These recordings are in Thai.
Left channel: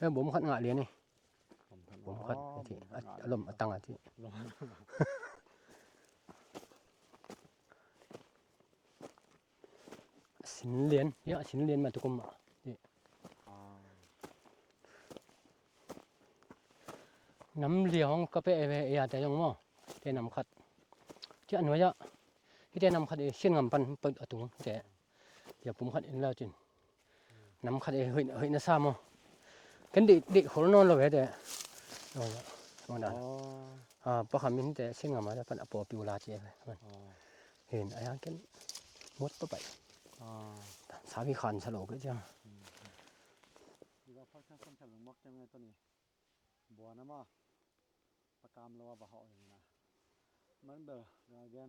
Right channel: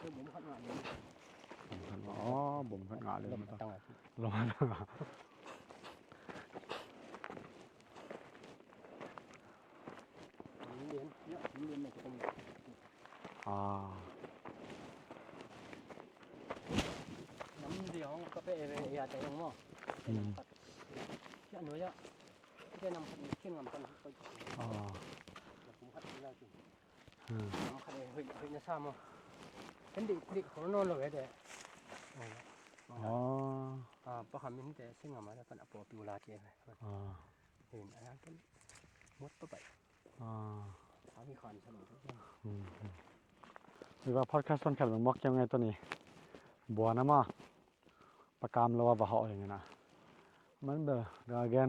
แล้วบ่มขัดงะเรียนนี่บ่มขัดลมตั้งอ่ะที่ลมสินเรียนเยอะสินเรียนมาตุกมนี่น้ำเลี้ยงก็ไปแต่ยังบ่เป็นน้ำขัดที่อันว่าจะที่น้ำขัดเส้นงำปันเปิดตัวแต่อย่าผมขัดแล้วจินน้ำขัดเฮ้ยน่ะซ้ำบ่กันเด็กคนนอนแล้วเว้ยแต่ว่านั้นปะคำนี้แต่เส้นงำมาแล้วปันอปอปิวลาเจไปเห็นอะไรกันหมดไปสามีขันฉลองเลยจ้ะหรือว่าพอดแคสต์ต้นแคปมันบอกยังไงตัวนี้บัวนะมาประกามเราว่าบ่เหาะอย่างนี้นะมันเด้อแกน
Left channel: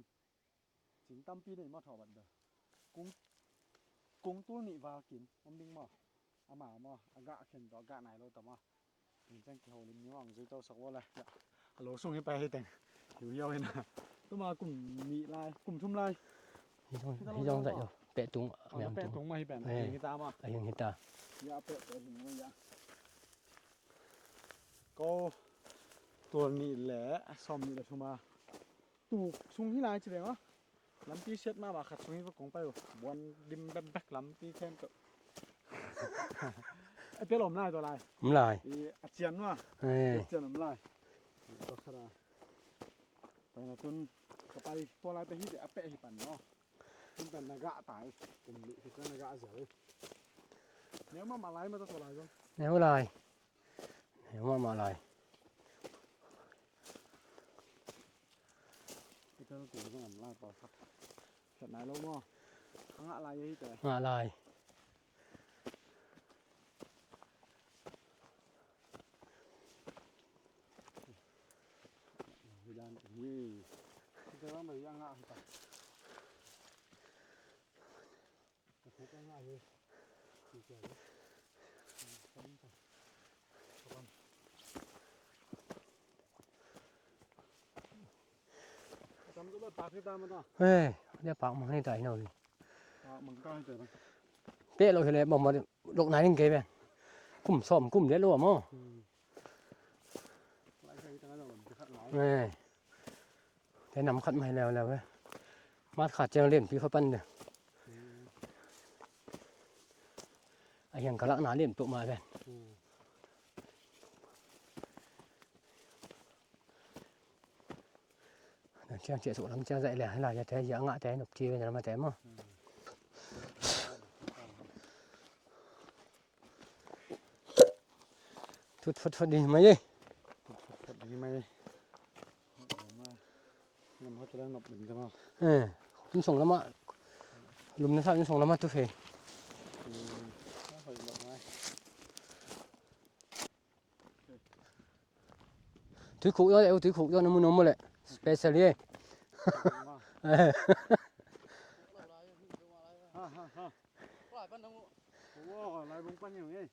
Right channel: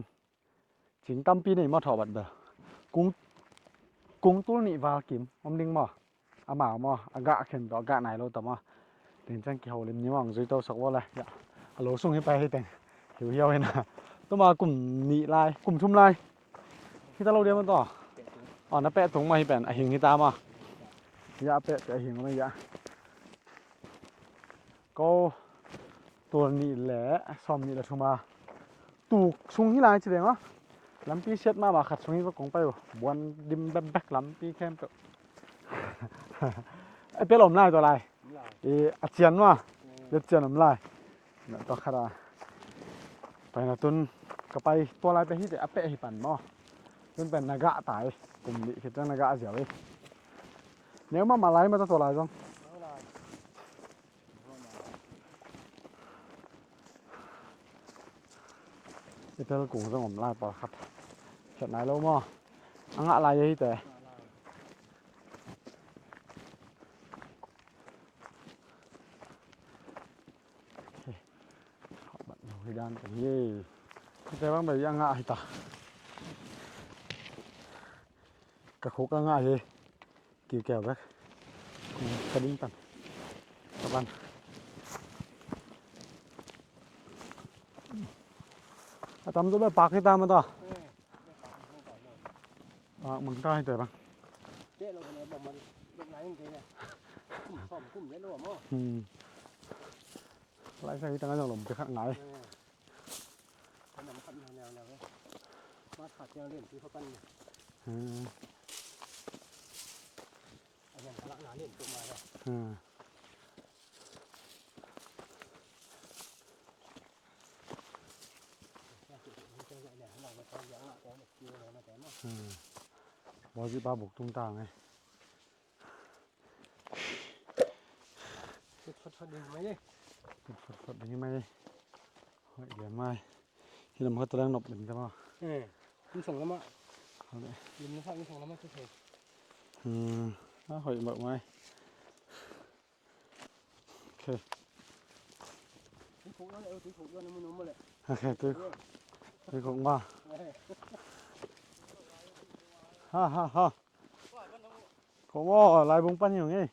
จิงตำปีนี่มาถอบัดเด้อกุ้งตุ้นี่ว่ากิมอมดิงบ่อาหมาบ่อากะเข็นต่อกะไหนโลตะมาถึงจังเกี่ยวเล่มนี้ว่างซุยโตสักว่าเลยอย่าฮัลโหลส่งให้ไปให้แต่งเหี่ยวๆให้นะต้องมากลุ่มนี่ลายกลุ่มชุมลายที่ตะเราเดียวมันต่อแปะตุงนะแปะตุงมาให้แปะหิงนี่ตามอ่ะหิงตาอย่าแปะหิงมาอย่าก็ตัวนี้แหละซ่อมนี่แหละทุมาตูกซุงที่ลายแสดงว่าลำปีเช็ดมาขัดซุงนี่ก็กงไปอยู่บวนดิมแบกลำปีแคมก็ไอ้เปลมลายตัวลายลายอาเจียนว่าลึกเจียนลายต่อคาราไปนะตุนก็ไปตัวลายไปที่แต่อเปะให้ปั่นเนาะมันเป็นนากะตายกลุ่มนี้คือจังนากะเสียวเนี่ยมาลายมาตัวลายจังเนี่ยลายเนี่ยมาลายเตลกุ้งสงมลายปอครับเสร็จไหนแล้วมั้งอังอะไรยี่แต่ลายบัดเอาให้ด้านตรงนี้แต่ว่าแบบยังง่ายตากระคุกง่ายเลยกี่แก้วแบกกระดิ่งตันตะบันตำตัวแบบปากให้ตามมาต่อเฮ้ยเดี๋ยวปากมันให้ใจหน่อยมันก็ให้ใจบ้างเป๊ะเราเห็นเลยบอกมาลูกไหนนึงเก๋ไปกุ้มซ้อมกุ้มเดี๋ยวรู้มั้งไล่ใส่ตั้งแต่หลมจะขัดไหนแต่นำขัดมาให้แล้วเว้ยมาขาดเจงเล่นพี่เขาปั้นเนี่ยไอ้ยังกะละหนาเล่นปุ๊บมาเลยเชียงเจียสุน้ำเชียงใส่แหล่ให้เราจะแท้ยังงะแท้หนุกจีเลยนะมาแท้มั้งมองที่ตาบุกตุ้งตาไงฟุดดีไหมยี่ฟุดดีไหมเดี๋ยวไม่ที่เราเขาตะแรงหนบหนึ่งใช่ป่ะมันส่งแล้วมาลุมนะครับมันส่งแล้วมาตัวเฟถ้าหอยแบบไหมโอเคถือขุยเอาถือขุยเอาน้ำมันนมมาเลยไอ้เสรีถือขุยมาฮ่าเขาว่าลายบุ้งปั้นอย่างนี้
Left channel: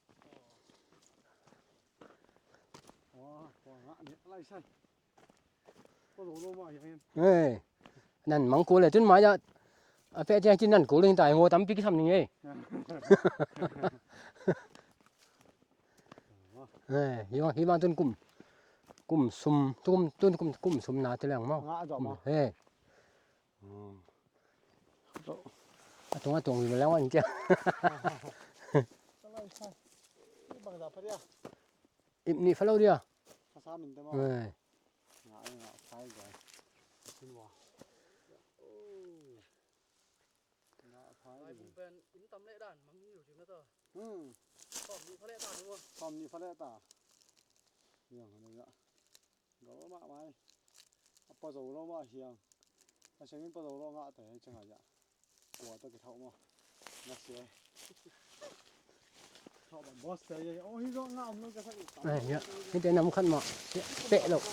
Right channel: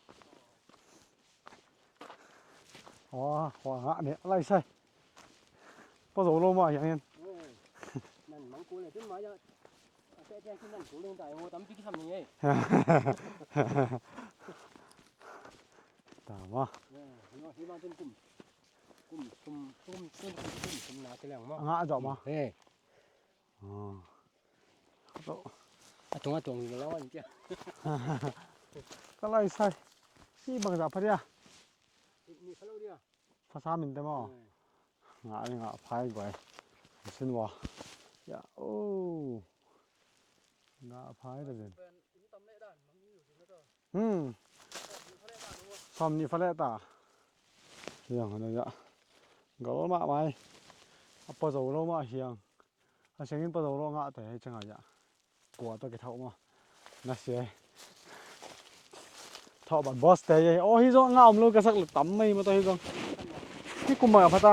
ขวาเนี่ยอะไรใช่พอสูลงมาอย่างนี้นั่นมังกูเลยจนมาจะเฟะจะกินนั่นกูเลยตายงัวตั้มปีกทำยังไงตามว่าฮิวาต้นกุ่มซุ่มต้นกุ่มซุ่มนาจะแรงมากงะจอบมาตรงอยู่แล้วว่าจริงก็เลยใส่ที่บางจากพัทยานี่ฟลอเดียภาษามินแต่มั้งงะพายไปสินว่าอย่าโอ้งะพายเลยซ้อมนี่ฟะเลตาเฮียงอันนี้อะก็ลมาไหมปะโจลมาเฮียงถ้าเสียงปะโจลงะแต่จังหวะ呀กลัวตัวกระเทามาน่าเสียทอบัดบอสแต่โอ้ฮิโซงะอมลูกกระสักตำไม่มาตัวฮิโซเป็นน้ำขันมาที่กุมมาพัตตา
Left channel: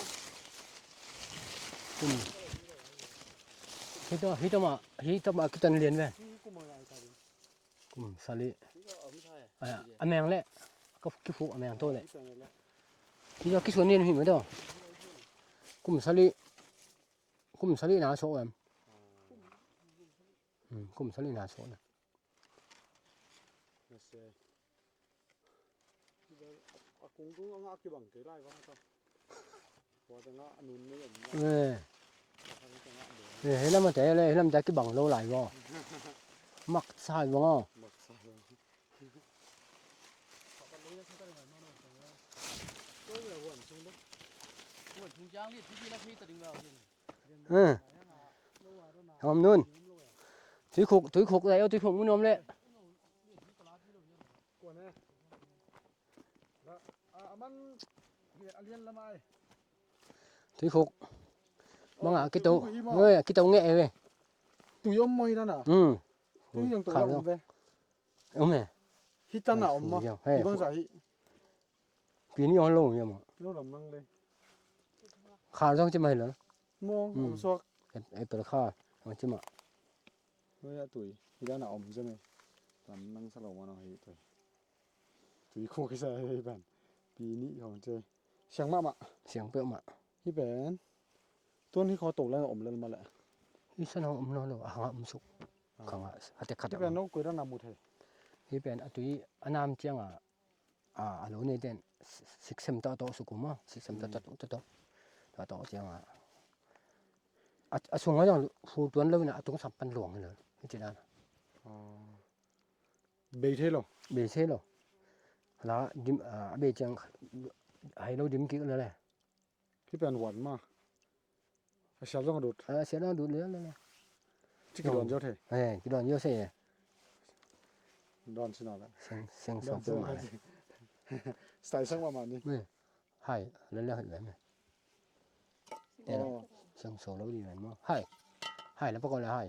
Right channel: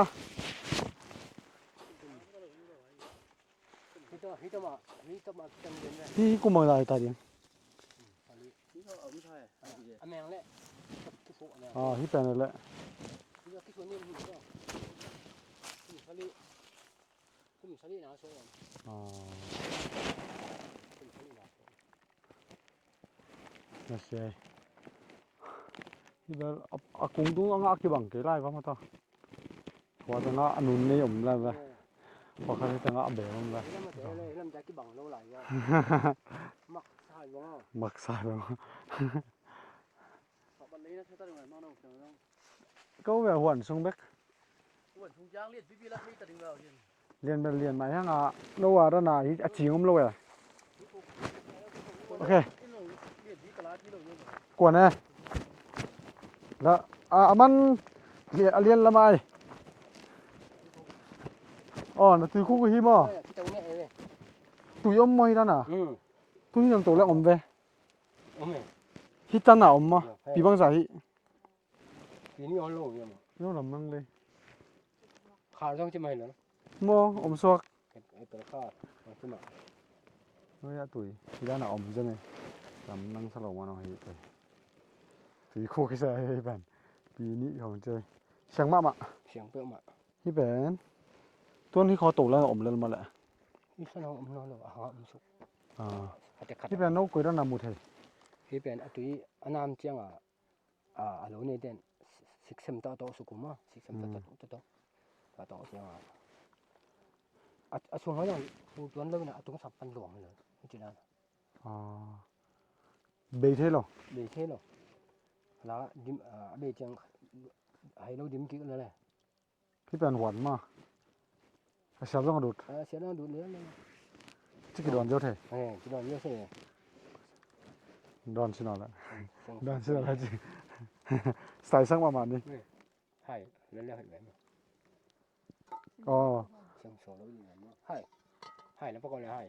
ฮิโตมากินเรียนเว้ยที่กุมมาได้ตาเรียนสาลีอแมงแหละก็ขี้ฟูอแมงตัวที่เป็นนั่นแหละที่เราขี้ส่วนนี้เห็นไหมตัวกุมสาลีนาโซ่กุมสาลีนาโซ่น่าเสีย Bây giờ cùng cũng ngã cái bằng cái lại quá mà ta. Qua tao ngã nún này ổn lại rồi. Qua khai tao ngã bể không? Thế là mà thế là làm cái bằng lâu lại vô. Mặc sai vô. Mặc sai rồi. Câu về huẩn xuống bếp. Liên bên máy hang à, đâu à đó là cái gì không lâu à? Túi khục đấy, túi khục muốn nôm lên. Quả này. Là man liên làm ai? Túi khục. Túi khục cái gì mà? Cái tàu nghệ về. Túi ôm mày đó nè. Túi làm tổ là ôm về. Ôm này. Hít chân nào ôm mà? Bị băng giả hít. Quý nhau lâu nhỉ mà. Nó làm năng đi. Khá trong chứ mày nữa. Mô, ôm suộc. Cái tờ khá. Chứ mà. Nói tuổi. Thì ra là ôm chứ này. Làm năng sao mà nó hít tuổi. Túi khục cái xe hay bạn. Bị nị không chơi. Sáng mạ. Sáng bữa mà. Hít bạn. Tuân hít khó tổ là ôm lên mà lại. Hít sao nó ôm nó rồi. Ôm sụp. Hít bạn nấu quấy đó là một thể. Hít bạn túi anh am chiang à lỗ này đen. Xích xem tao sụp mà. Xích xem tao chiang xuống ở trong phụ tuấn lâu nè tung sập pan luồng nữa cái chuyện đó bê thế rồi là dim bê chẳng hay lâu dim kỹ nữa này cái bàn hoàn mà sao nó đụt sẽ nó đụt nữa chứ cái đòn vô thể cái đòn vô xe đòn xin nào lại đòn xin nào gì xài sang mà đi hay lên lên vậy này sang số lâu gì vậy mà hay nó bắt con là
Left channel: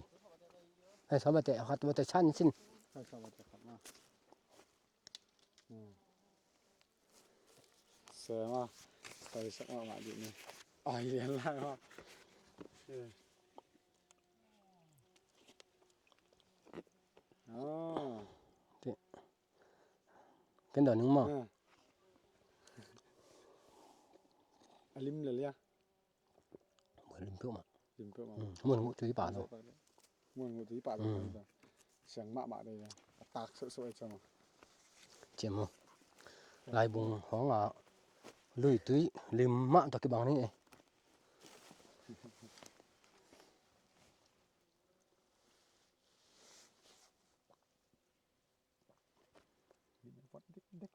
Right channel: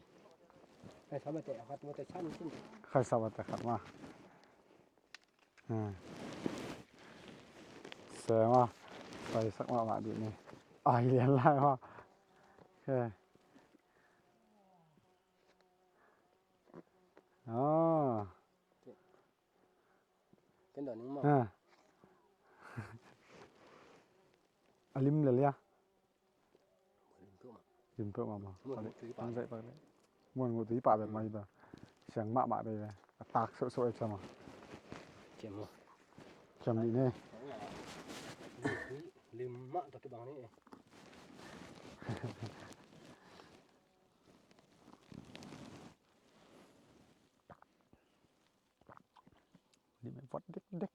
hay sao mà tại họ mà tại chăn xin khai sao mà tại khát mà xe mà xài sang mà đi này ai liền lại mà cái đòn đúng không lim lên ya lim phượng mà muốn một tí bả muốn một tí bả rồi mày vào sáng mạ đây là tạc sội cho mà chém mà lại buông khó là lùi túi lim mạ toàn cái bằng này đi mình vót đích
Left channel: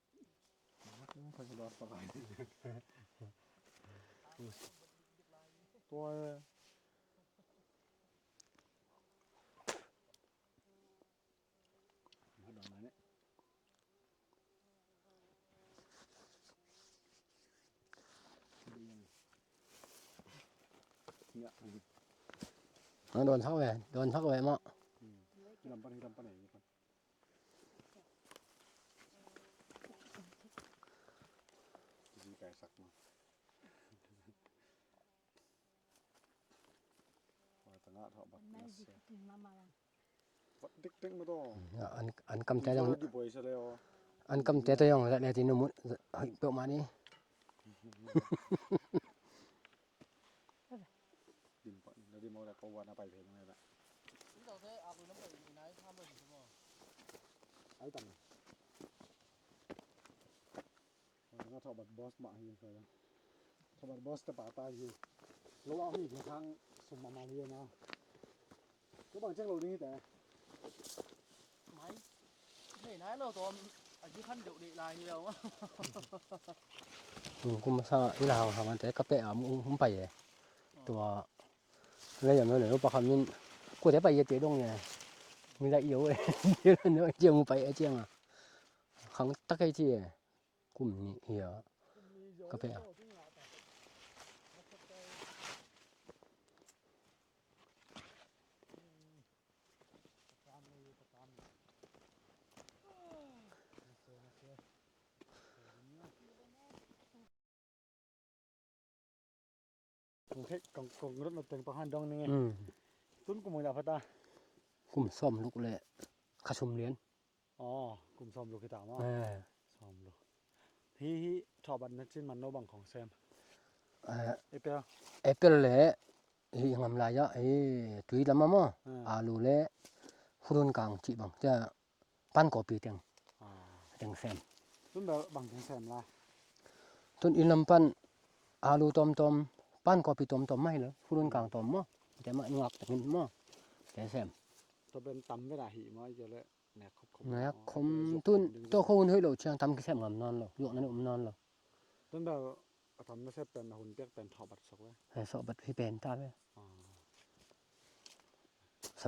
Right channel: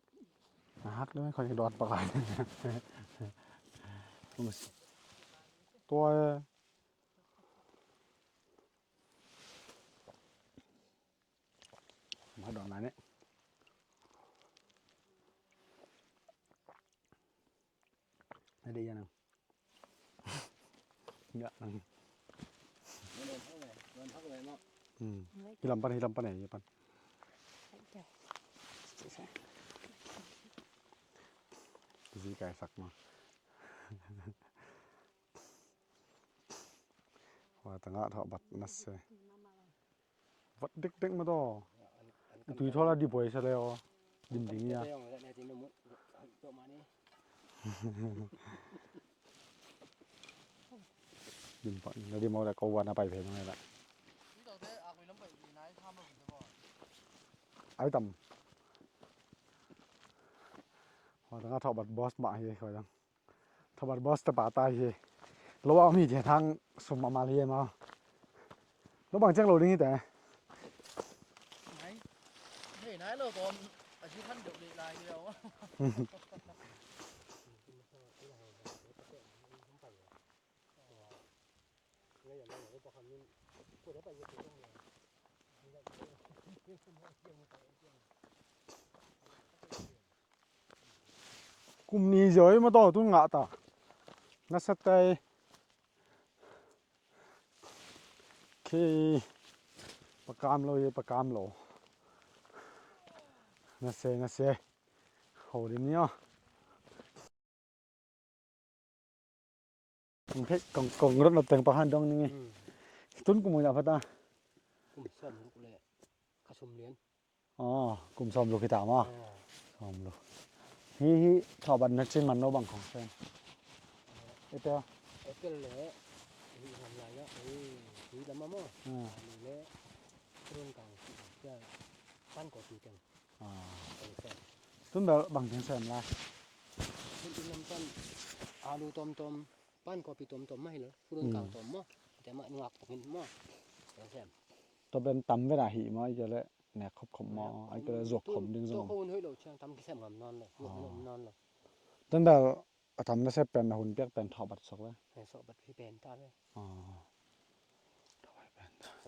hát nữa khỏi đọt bạc lại tôi mà đọt lại đấy đi ra nào nó đòn thóc về mà đi làm pan này pan gì cái sặc mà và tầng ngã thọ bật nát xe vẫn đích mà to anh cầm tay nó đi bồi sao đây anh cầm tay tôi không lại này thì nó muốn bự mà đi đừng phải nó đi mau là câuวันไปเพลงnày lại ấy tầm và tầng ngã thọ bật boss mạ gì khỏi đang thọ bật boss tập tay gì lâu ôngมีทางสมมาเรียนมาแล้วบางจังเราดิ้งแต่nãy nó còn chỉ khách được đi làm nhiều á cũng sao đi nào hàng thế cà phê cũng phải vậyตัวเลยอย่างน้อยเดี๋ยวประคำนี่กูจะไปเยอะเตะดงเนี่ยมีได้เยอะเลยเยอะเนื้อเจียงไปเจียงอ่ะครั้งตักไอ้ที่กลุ่มนี้เยอะ กลุ่มนี้เยอะมาต่อตุ้งงะตานัสเตย์คือประกามโลยประกามโลนัสเซโหดิเนี่ยเพชรกองรถเราแต่งประหารดงนี่ตุ้นกลุ่มอะไรพัตตากลุ่มซ่อมลูกเลยขชมเลี้ยนกลุ่มซ่อมลูกกีตาร์มั้งซ่อมลูกฮีชาวบ้านนักชิมมันโนบังของเซนเอเปิลเลยฮีทำลายเยอะตุยลำมั่งอาลูเล่ฟุรุนกลางจีบจะปั้นกอปีเตียงเซน ต้นแบบบางทีเสริมลาย ต้นอินลำปั้นอาลูตอมปั้นกอปีตอมไม่เหรอผู้รุ่นกลางตอมมั้งแต่มางักแต่กินมั้งแต่แซม ตัวเป็นตำเวลาหิมาจะเลยเนี่ยครบ แล้วคม ตัว ตุ้นตัวเขาเฮ้ยเราเชียงทำกี่แซมงามนอนหรออยู่นั่นนอนหรอ ต้นแบบทำได้ใช้เป็นหุ่นเปียกเป็นทอบัดสักเลย สอบบัตรพี่เป็นตาเลย อ๋อ ส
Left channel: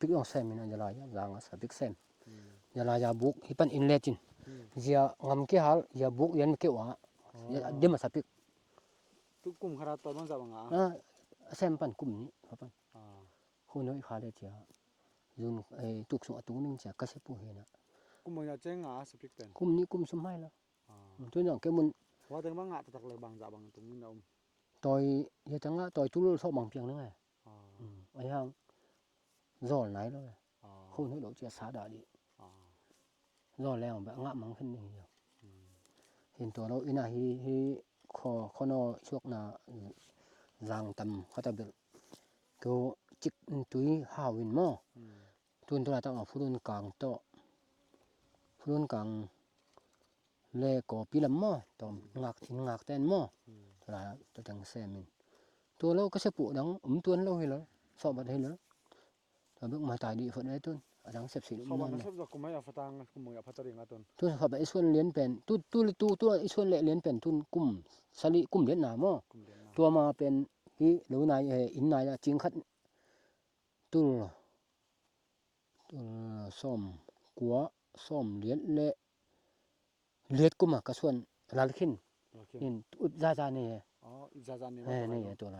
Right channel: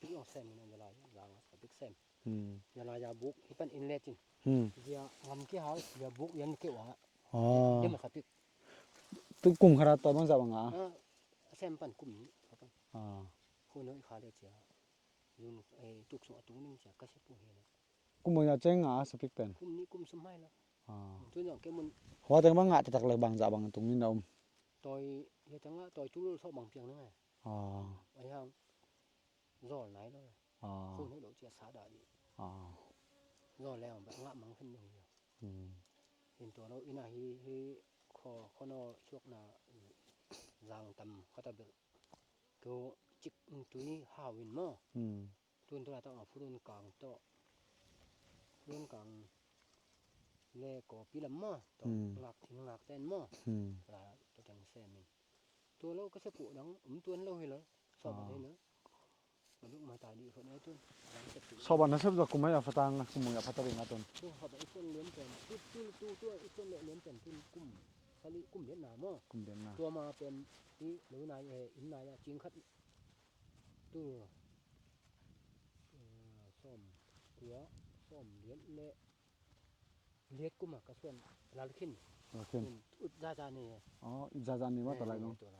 ปิกองแซมนี่นะยาลายยางสปิกแซมยาลายาบุกฮิปันอินเลจินเจียงามกี่หาลยาบุกยันกี่วะเดี๋ยวมาสปิก ตุ้กลุ่มขนาดตัวมันจะบังอ่ะ แซมปันกลุ่มนี้ปันคนน้อยขาเลยเจียยุนไอตุกส่งตุ้งนึงเจียก็เสปูเห็นนะ กลุ่มมันจะเจ๊งอ่ะสปิกเป็น กลุ่มนี้กลุ่มสมัยแล้วตัวอย่างแกมัน เพราะแต่บางอ่ะจะตักเลยบางจะบางตรงนี้นะต่อยยาจังอ่ะต่อยจุลชอบบางเพียงนั่นไงไอ้ยังรอไหนแล้วไงคนน้อยเราเจียสาดาดีรอแล้วแบบงะมังขึ้นนึงเดียวเห็นตัวเราอินาฮีคอนอช่วงน่ะรังตำเขาตะเบลก็จิกตุยหาวินหม้อตุนตัวละต้องเอาฟุรุนกลางโตฟุรุนกลางเลก็ปีละหม้อต้องงักแตนหม้อตัวละตัวจังแซมินตัวเราก็เสปุดังตัวเราเห็นแล้วสอบบัดเห็นแล้วแต่เบิ่งมาตายดีฝนได้ตุนดังเสพสิ ชอบวันนั้นชอบจะกลุ่มไม่อยากฟังกลุ่มมึงอยากพัฒนาตัว ตุนเขาไปไอ้ส่วนเรียนเป็นตัวไอ้ส่วนเรียนเป็นตุนกลุ่มสลิกลุ่มเรียนหนาหม้อตัวมาเป็นที่หรือนายอินนายจิงคัดตัวส้มกัวส้มเลียดเละกุมกระส่วนลาลขินอินอุดซานี่อ๋ออุดซานี่ว่านี่ตัวอะไร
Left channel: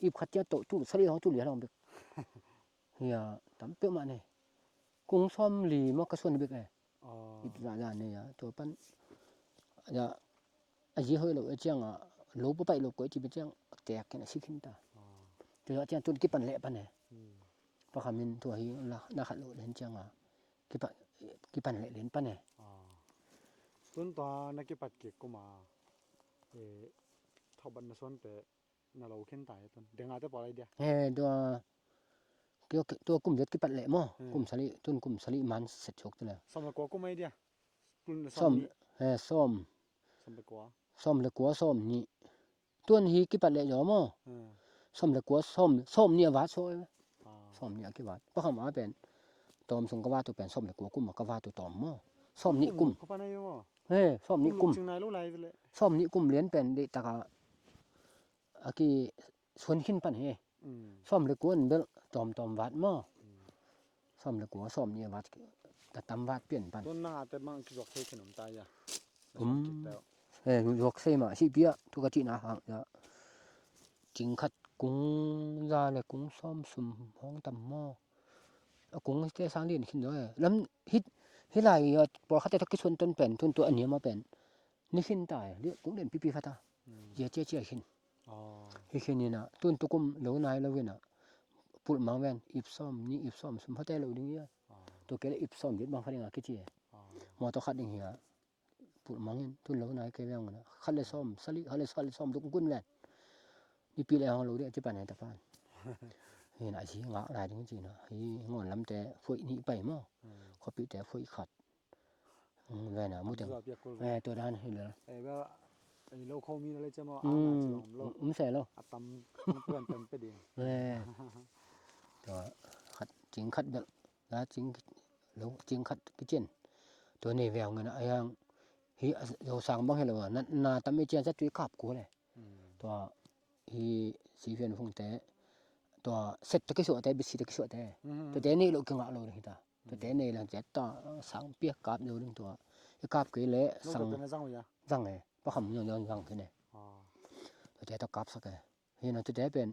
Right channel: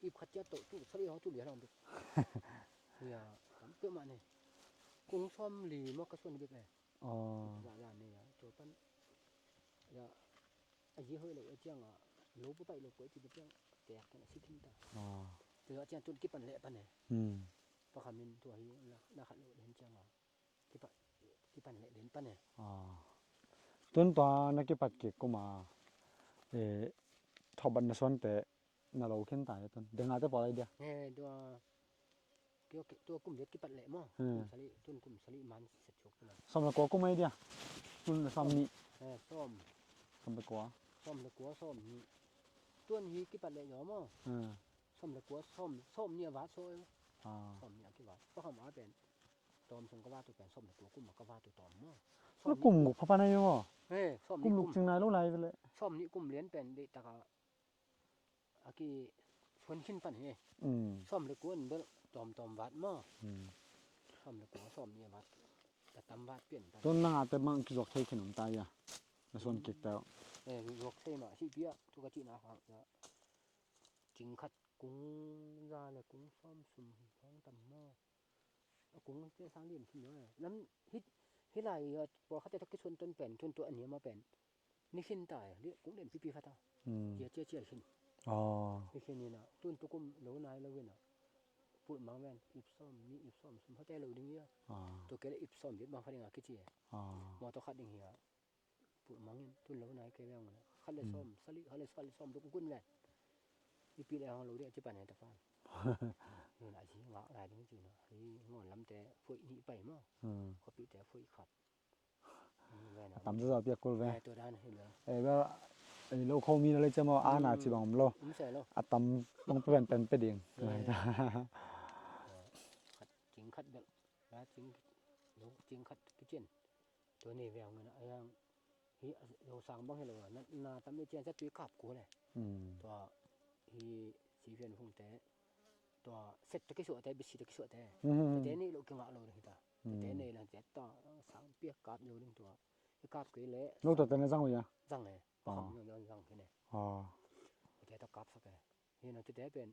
อีบขัดเจ้าโตจุสลิของจุเหลียเราแบบเฮียตำเปี้ยมานี่กุ้งส้มหลีมกระส่วนเบิกอ๋ออีบซานี่ตัวปั้นอย่าไอ้ยี่ห้อเราไอ้เจียงโลบไปโลก็จีเป็นเจียงแตกกันสิขึ้นตาอ๋อตัวเจียงตุนกี่ปันเละปันเนี่ยเพราะคำนี้ตัวฮีน่าขัดโลเห็นเจียงกี่ปันเละเล่นปันเนี่ยต้นตอนนักกีฬาเก็บก็มาทอบันนส่วนแต่น่าเราขึ้นตายต้นเดี๋ยวงานจะปล่อยเดียวตัวกลุ่มเด็ดกี่ปันเละมั้งกลุ่มสลิตุนกลุ่มสลิมันเสร็จชกตัวเลยสมละกัวก็ไม่เดียวส้มส้มละกัวส้มละกัวส้มนี่ตัวนี้กี่ปันเละอยู่มั้งส้มละกัวส้มเนี่ยวัดโซ่ส้มเนี่ยกี่วัดเพราะคำว่าเป็นตอมสงกว่าตัวเป็นส้มละกัวกุ้มก็ว่าตัวตอมมั้งส้มนี่กุ้มพระปานายส้มนี่กุ้มจึงนายรู้ไรเลยส้มนี่กุ้มเลี้ยนเป็นเด็กตะกะอากีชวนขึ้นปันเฮส้มละกัวเบลตอมวัดมั้งส้มละกัวส้มเนี่ยวัดแต่ตำวัดเปลี่ยนปันต้นน่าแต่มังคิดว่าเคยขนมตายอ่ะส้มเก็บแล้วยกเสมาสิเปียทุกทีนะฮะจิงขัดกุ้งยาเลยกุ้งส้มสุ่มห้องตำหม้อกุ้งเตะสร้างเรียนขึ้นด้วยแล้วฮิไลพอเขาแต่ถ้ากิชวนต้นเป็นทุนตัวอันนี้มาเป็นนี่ขึ้นตายเรียกกุ้งเด่นปีๆฟัตาเจี๊ยขึ้นขึ้นนี่นะตุนตุกุมเหลวนายแล้วเว้ยนะพูดมาเว้นอิบซ้อมนี่อิบซ้อมสุ่มเขาแต่เราดึงเนี้ยตัวเกล้อิบซ้อมเด็ดบางครั้งอ่ะคิดจีมอตัวขัดอย่างเงี้ยพูดมาเงี้ยตุนเหลวนายแกเว้งนะขัดเลยซ้อมสลิขัดเลยซ้อมตุกุมกุ้นเว้นอีปีแล้วเราเรียกจะไปไหนตะพานเห็นอาชีพงะหลายจริงๆนะไอ้งอนลำแต่ฝอยนี่ไปมั้งเขาปีแต่ฝอยขัดแว่นะมันตัวแว่ตัวด้านให้เลยแบบโลเขามีอะไรจะมาอ่านจีบองโลไม่ใช่โลอัตมมันเป็นเดียงตัวขัดจริงขัดเด้อนะจริงโลจริงขัดกิเจนตัวนี้แววเงินไอ้ยังฮีเราสั่งบ้างให้เราว่านาตไม่เจนจะจุยขับกูเลยตัวฮีสีเวียนฟงแต่ตัวเสร็จตะกี้สวดแต่บิสิตะกี้สวดแต่ตัวแต่นี่เราเก่งอ่ะเราเลยตาตัวแต่นี่หลังจากต่อสั่งเปียกกาบเดียวนึงตัวกาบกี่เละนู่นตัวเป็นสั่งไว้ยังสั่งไงเพราะคำยังสั่งขึ้นเนี่ยตัวแต่ต้องกาบสักแกเห็นตัวแต่เป็น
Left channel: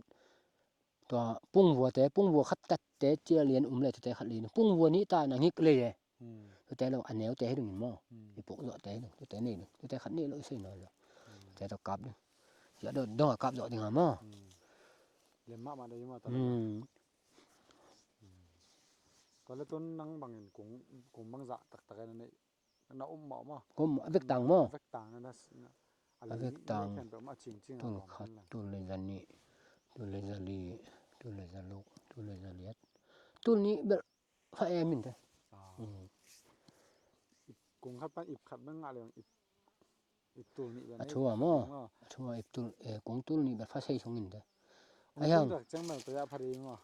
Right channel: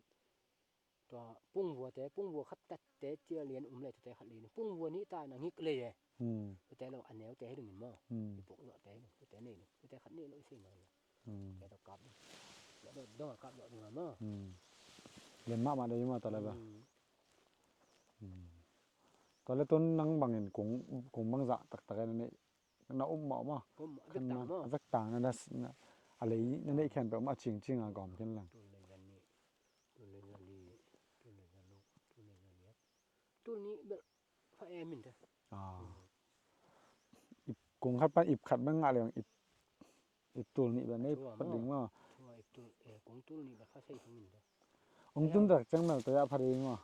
ตัวปุ้งวัวแต่ปุ้งวัวขัดตัดแต่เจียเลียนเลยตัวแต่ขัดเลียนปุ้งวัวนี้ตาหนังฮิกเลยตัวแต่เราอันแนวแต่ให้ดูมั้งอีพวกเราแต่ตัวแต่นี่ตัวแต่ขัดนี่เราใช่หน่อยแต่ต้องกาบด้วยจะโดนต้องกาบดอกดีงามมั้งเรียนมากมาได้ยังมาตอนแรกตอนแรกต้นนั่งบางเห็นกุ้งบางจะตักกันนี่น่าอุ้มหมอมากุ้มเวกต่างมั้งเวกต่างนั่นอะไรนี่แค่แบบมาจริงอ่ะก่อนนั่นแหละตัวเลยจันนี่ตัวเลยจันลีตัวเลยจันลูกตัวเลยจันเลียดตัวนี้แบบฟ้าแอมินเถอะก กงคัดปันอิบขัดมันงะเลยอิบตุลนี่แบบนี้ chua mo chua iptul kong tul ni ba fa sei songin de องตุลดักจังแบบตัวยาพอดีมั้ง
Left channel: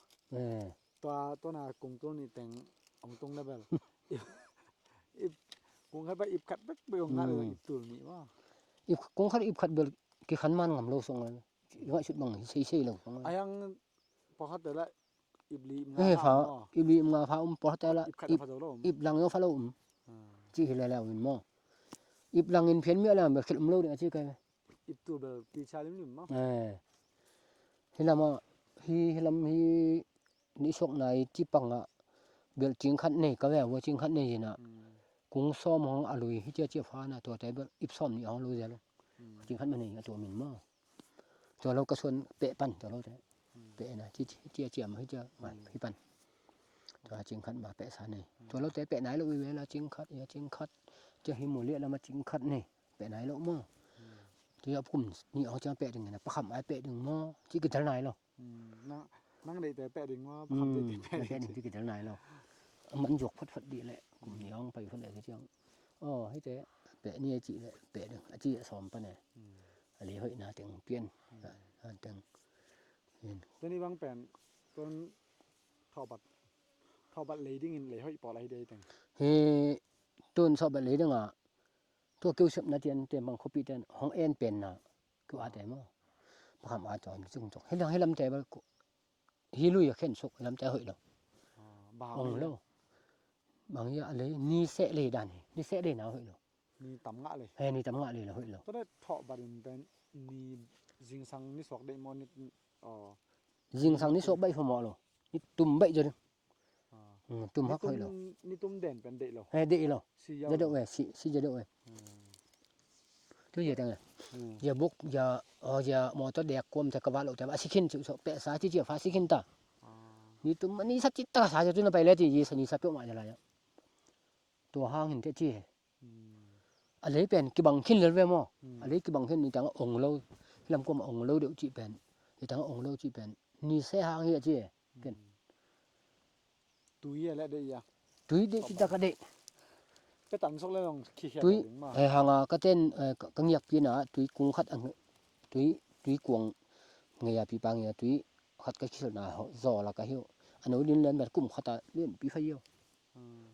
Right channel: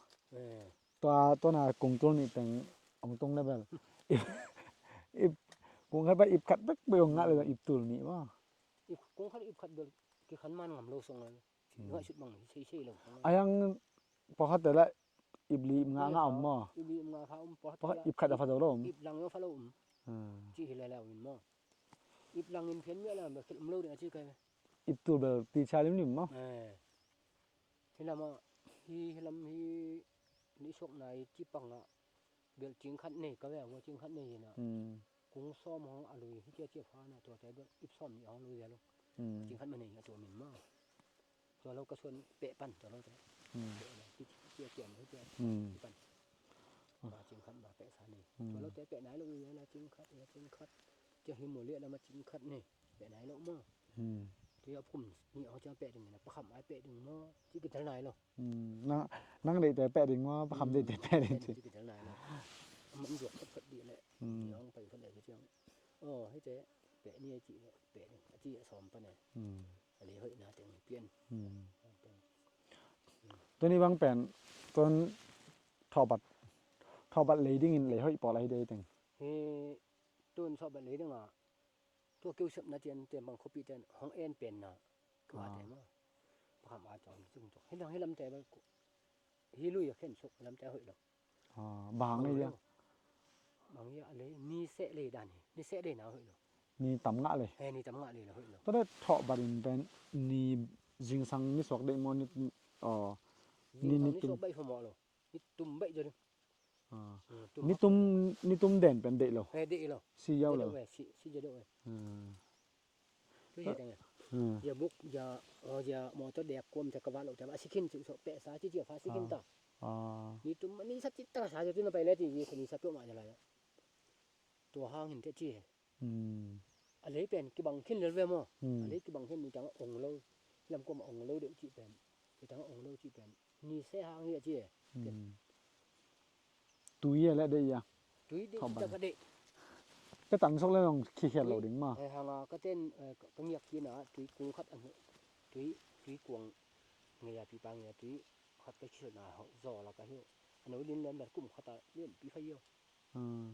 ตัวน่ะกงตุลนี่เป็นองตรงได้แบบอิบกงคัดปันอิบขัดบักเบลงะเลยอิบตุลนี่ว่า ip kong khat ip khat bel ki khan man ngam lo song an wa chut bang sei lo อายังพอเขาแต่ละอิบลีมงา fa เนาะ ip li nga fa po ta la อิบขัดพอดอลม ip lang yo fa lo chi hi la la win mo ip lang in phian mi la ba khel lo de chi kai อิบตุลแบบตีชาลิมๆเนาะ hi la ma hi lam hi ni sok nai chi pang a bel ching khat nei ka wa ching khat nei na kung som hong alui hi che fa na to tai bel ip som ni hong lo ja lo ching khat man nei to min mo to lo ka son pe pan to lo pe na chi chi ma hi cha hi pan to ching khat ba pe sa nei to lo te pe nai lo wi la ching khat che hi mu le la ma ching khat nei pe nai lo mo thì ấp cùng nhị họ cho bẹ đừng này bắt khẩm ai bẹ đừng mo chỉ cái này lo năng đểแต่แปะดิ่งว่าคำได้แต่แปะดิ่ง chỉ cái này lo mẫn ruột phật đi lại nhị ông phải phật lại cái chương hết thế bẹ nia chị lại bẹ đừng chị xòm pa này lý hội na tiếng piên tiếng ตัวนี้บางแปนต้นทอบัดเลยดิ้งเลยเฮ้ยปออะไรได้ตึง he tôn so bẹ lấy đừng à tôi kêu sụp na tiền bằng copy tiền hong en pen na cứ à thế mà khẩm à chọn chung chok hết lâm tè hi lui khen sụp lâm tè hội đâu บางเลย bằng như lấy ni sẽ lấy đàn ni sẽ để nào hội đâu มีตำงะเลย hay ni tấm ngạ lấy là hội đâu ตัวได้ทอบัดเป็นนี่จิงซังนี่สอกได้มอนี่riêng sang ni số bay phòng mỏ rồi ni tùm bay rồi tùm นี่ตุ้มเด่นเป็นเด็กเหรอ hay đệ rồi ซีเยา giờ đậu về si giờ đậu về thứ gì thằng này giờ bốc giờ mỏ cho đẹp quâm cho các bạn lộ cho bạn xin chịu sợ bẹ xá chứ chịu phá xin ta ni tùm ni sắp chết ta xá cho tôi nó bay lên thì gì sao ni sắp chỗ ngoại làตัวห้างเห็นแต่จี้อะไรเป็นกี่บังขึ้นเลยมั้งอะไรกี่บังขึ้นนี่จังองค์เราลำกว่าองค์เราเดี๋ยวจีเป็นนี่จังองค์เราจีเป็นนี่เสียห้างเหี้ยจี้เป็น ตุยแล้วได้ยัง ตุ้ยจะกระเดะ ก็ตันซอกแล้วลองขี้เขียน ตุ้ย ถึงมา hàngก็เต้นกังยักพี่นะตุ้ยกุ้งขัดอันตุ้ยกวงเงียปีปังเงียตุ้ยขัดก็คิดนะจ่อแล้วก็เหี้ยวอันนู้นดินเล่นแบบกุ้มขัดเล่นปีไฟเหี้ยว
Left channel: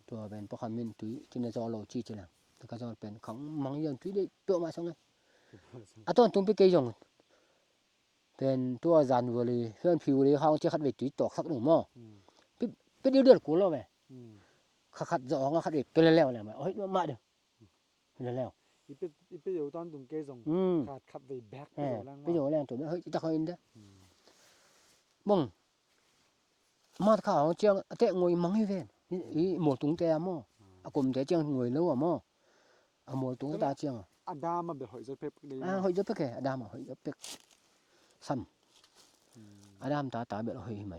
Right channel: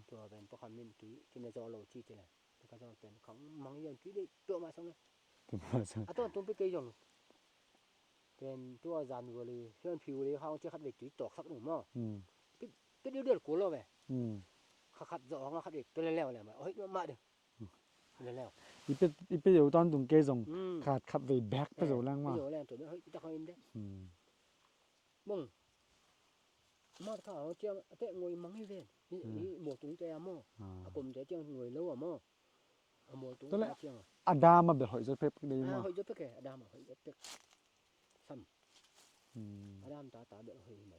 ตัวเป็นพวกคำมินตุ้ยที่นั่นจ่อเราจี้จีน่ะแล้วก็จ่อเป็นของมังยันตุ้ยได้เปรี้ยวมาสังไงอ่ะตอนตุ้มไปเกยยงเป็นตัวจานวัวเลยเพื่อนผิวเลยเขาจะขัดไปตุ้ยตอกสักหนึ่งหม้อไปเดือดกูแล้วไหมขัดจ่อเขาขัดไปเป็นแล้วเนี่ยไหมเฮ้ยมาเด้อเป็นแล้วอีเป็ดอยู่ตอนตุงเกยงขาดไปแบ็คไปโดนแรงมา ไปโดนแรงตัวเฮ้ยตะคอยเด้อบ้งมาข่าวเจียงเตะงวยมังให้เว้นอีหมดตุงแต่หม้ออากมแต่เจียงงวยแล้วอ่ะหม้ออะหมดตุงตาเจียง อาดามาแบบหอยจะเพ็บได้ เฮ้ยจะเป็กอะดามเฮ้ยจะเป็กซ้ำอะดามตาแบบเฮ้ยไหม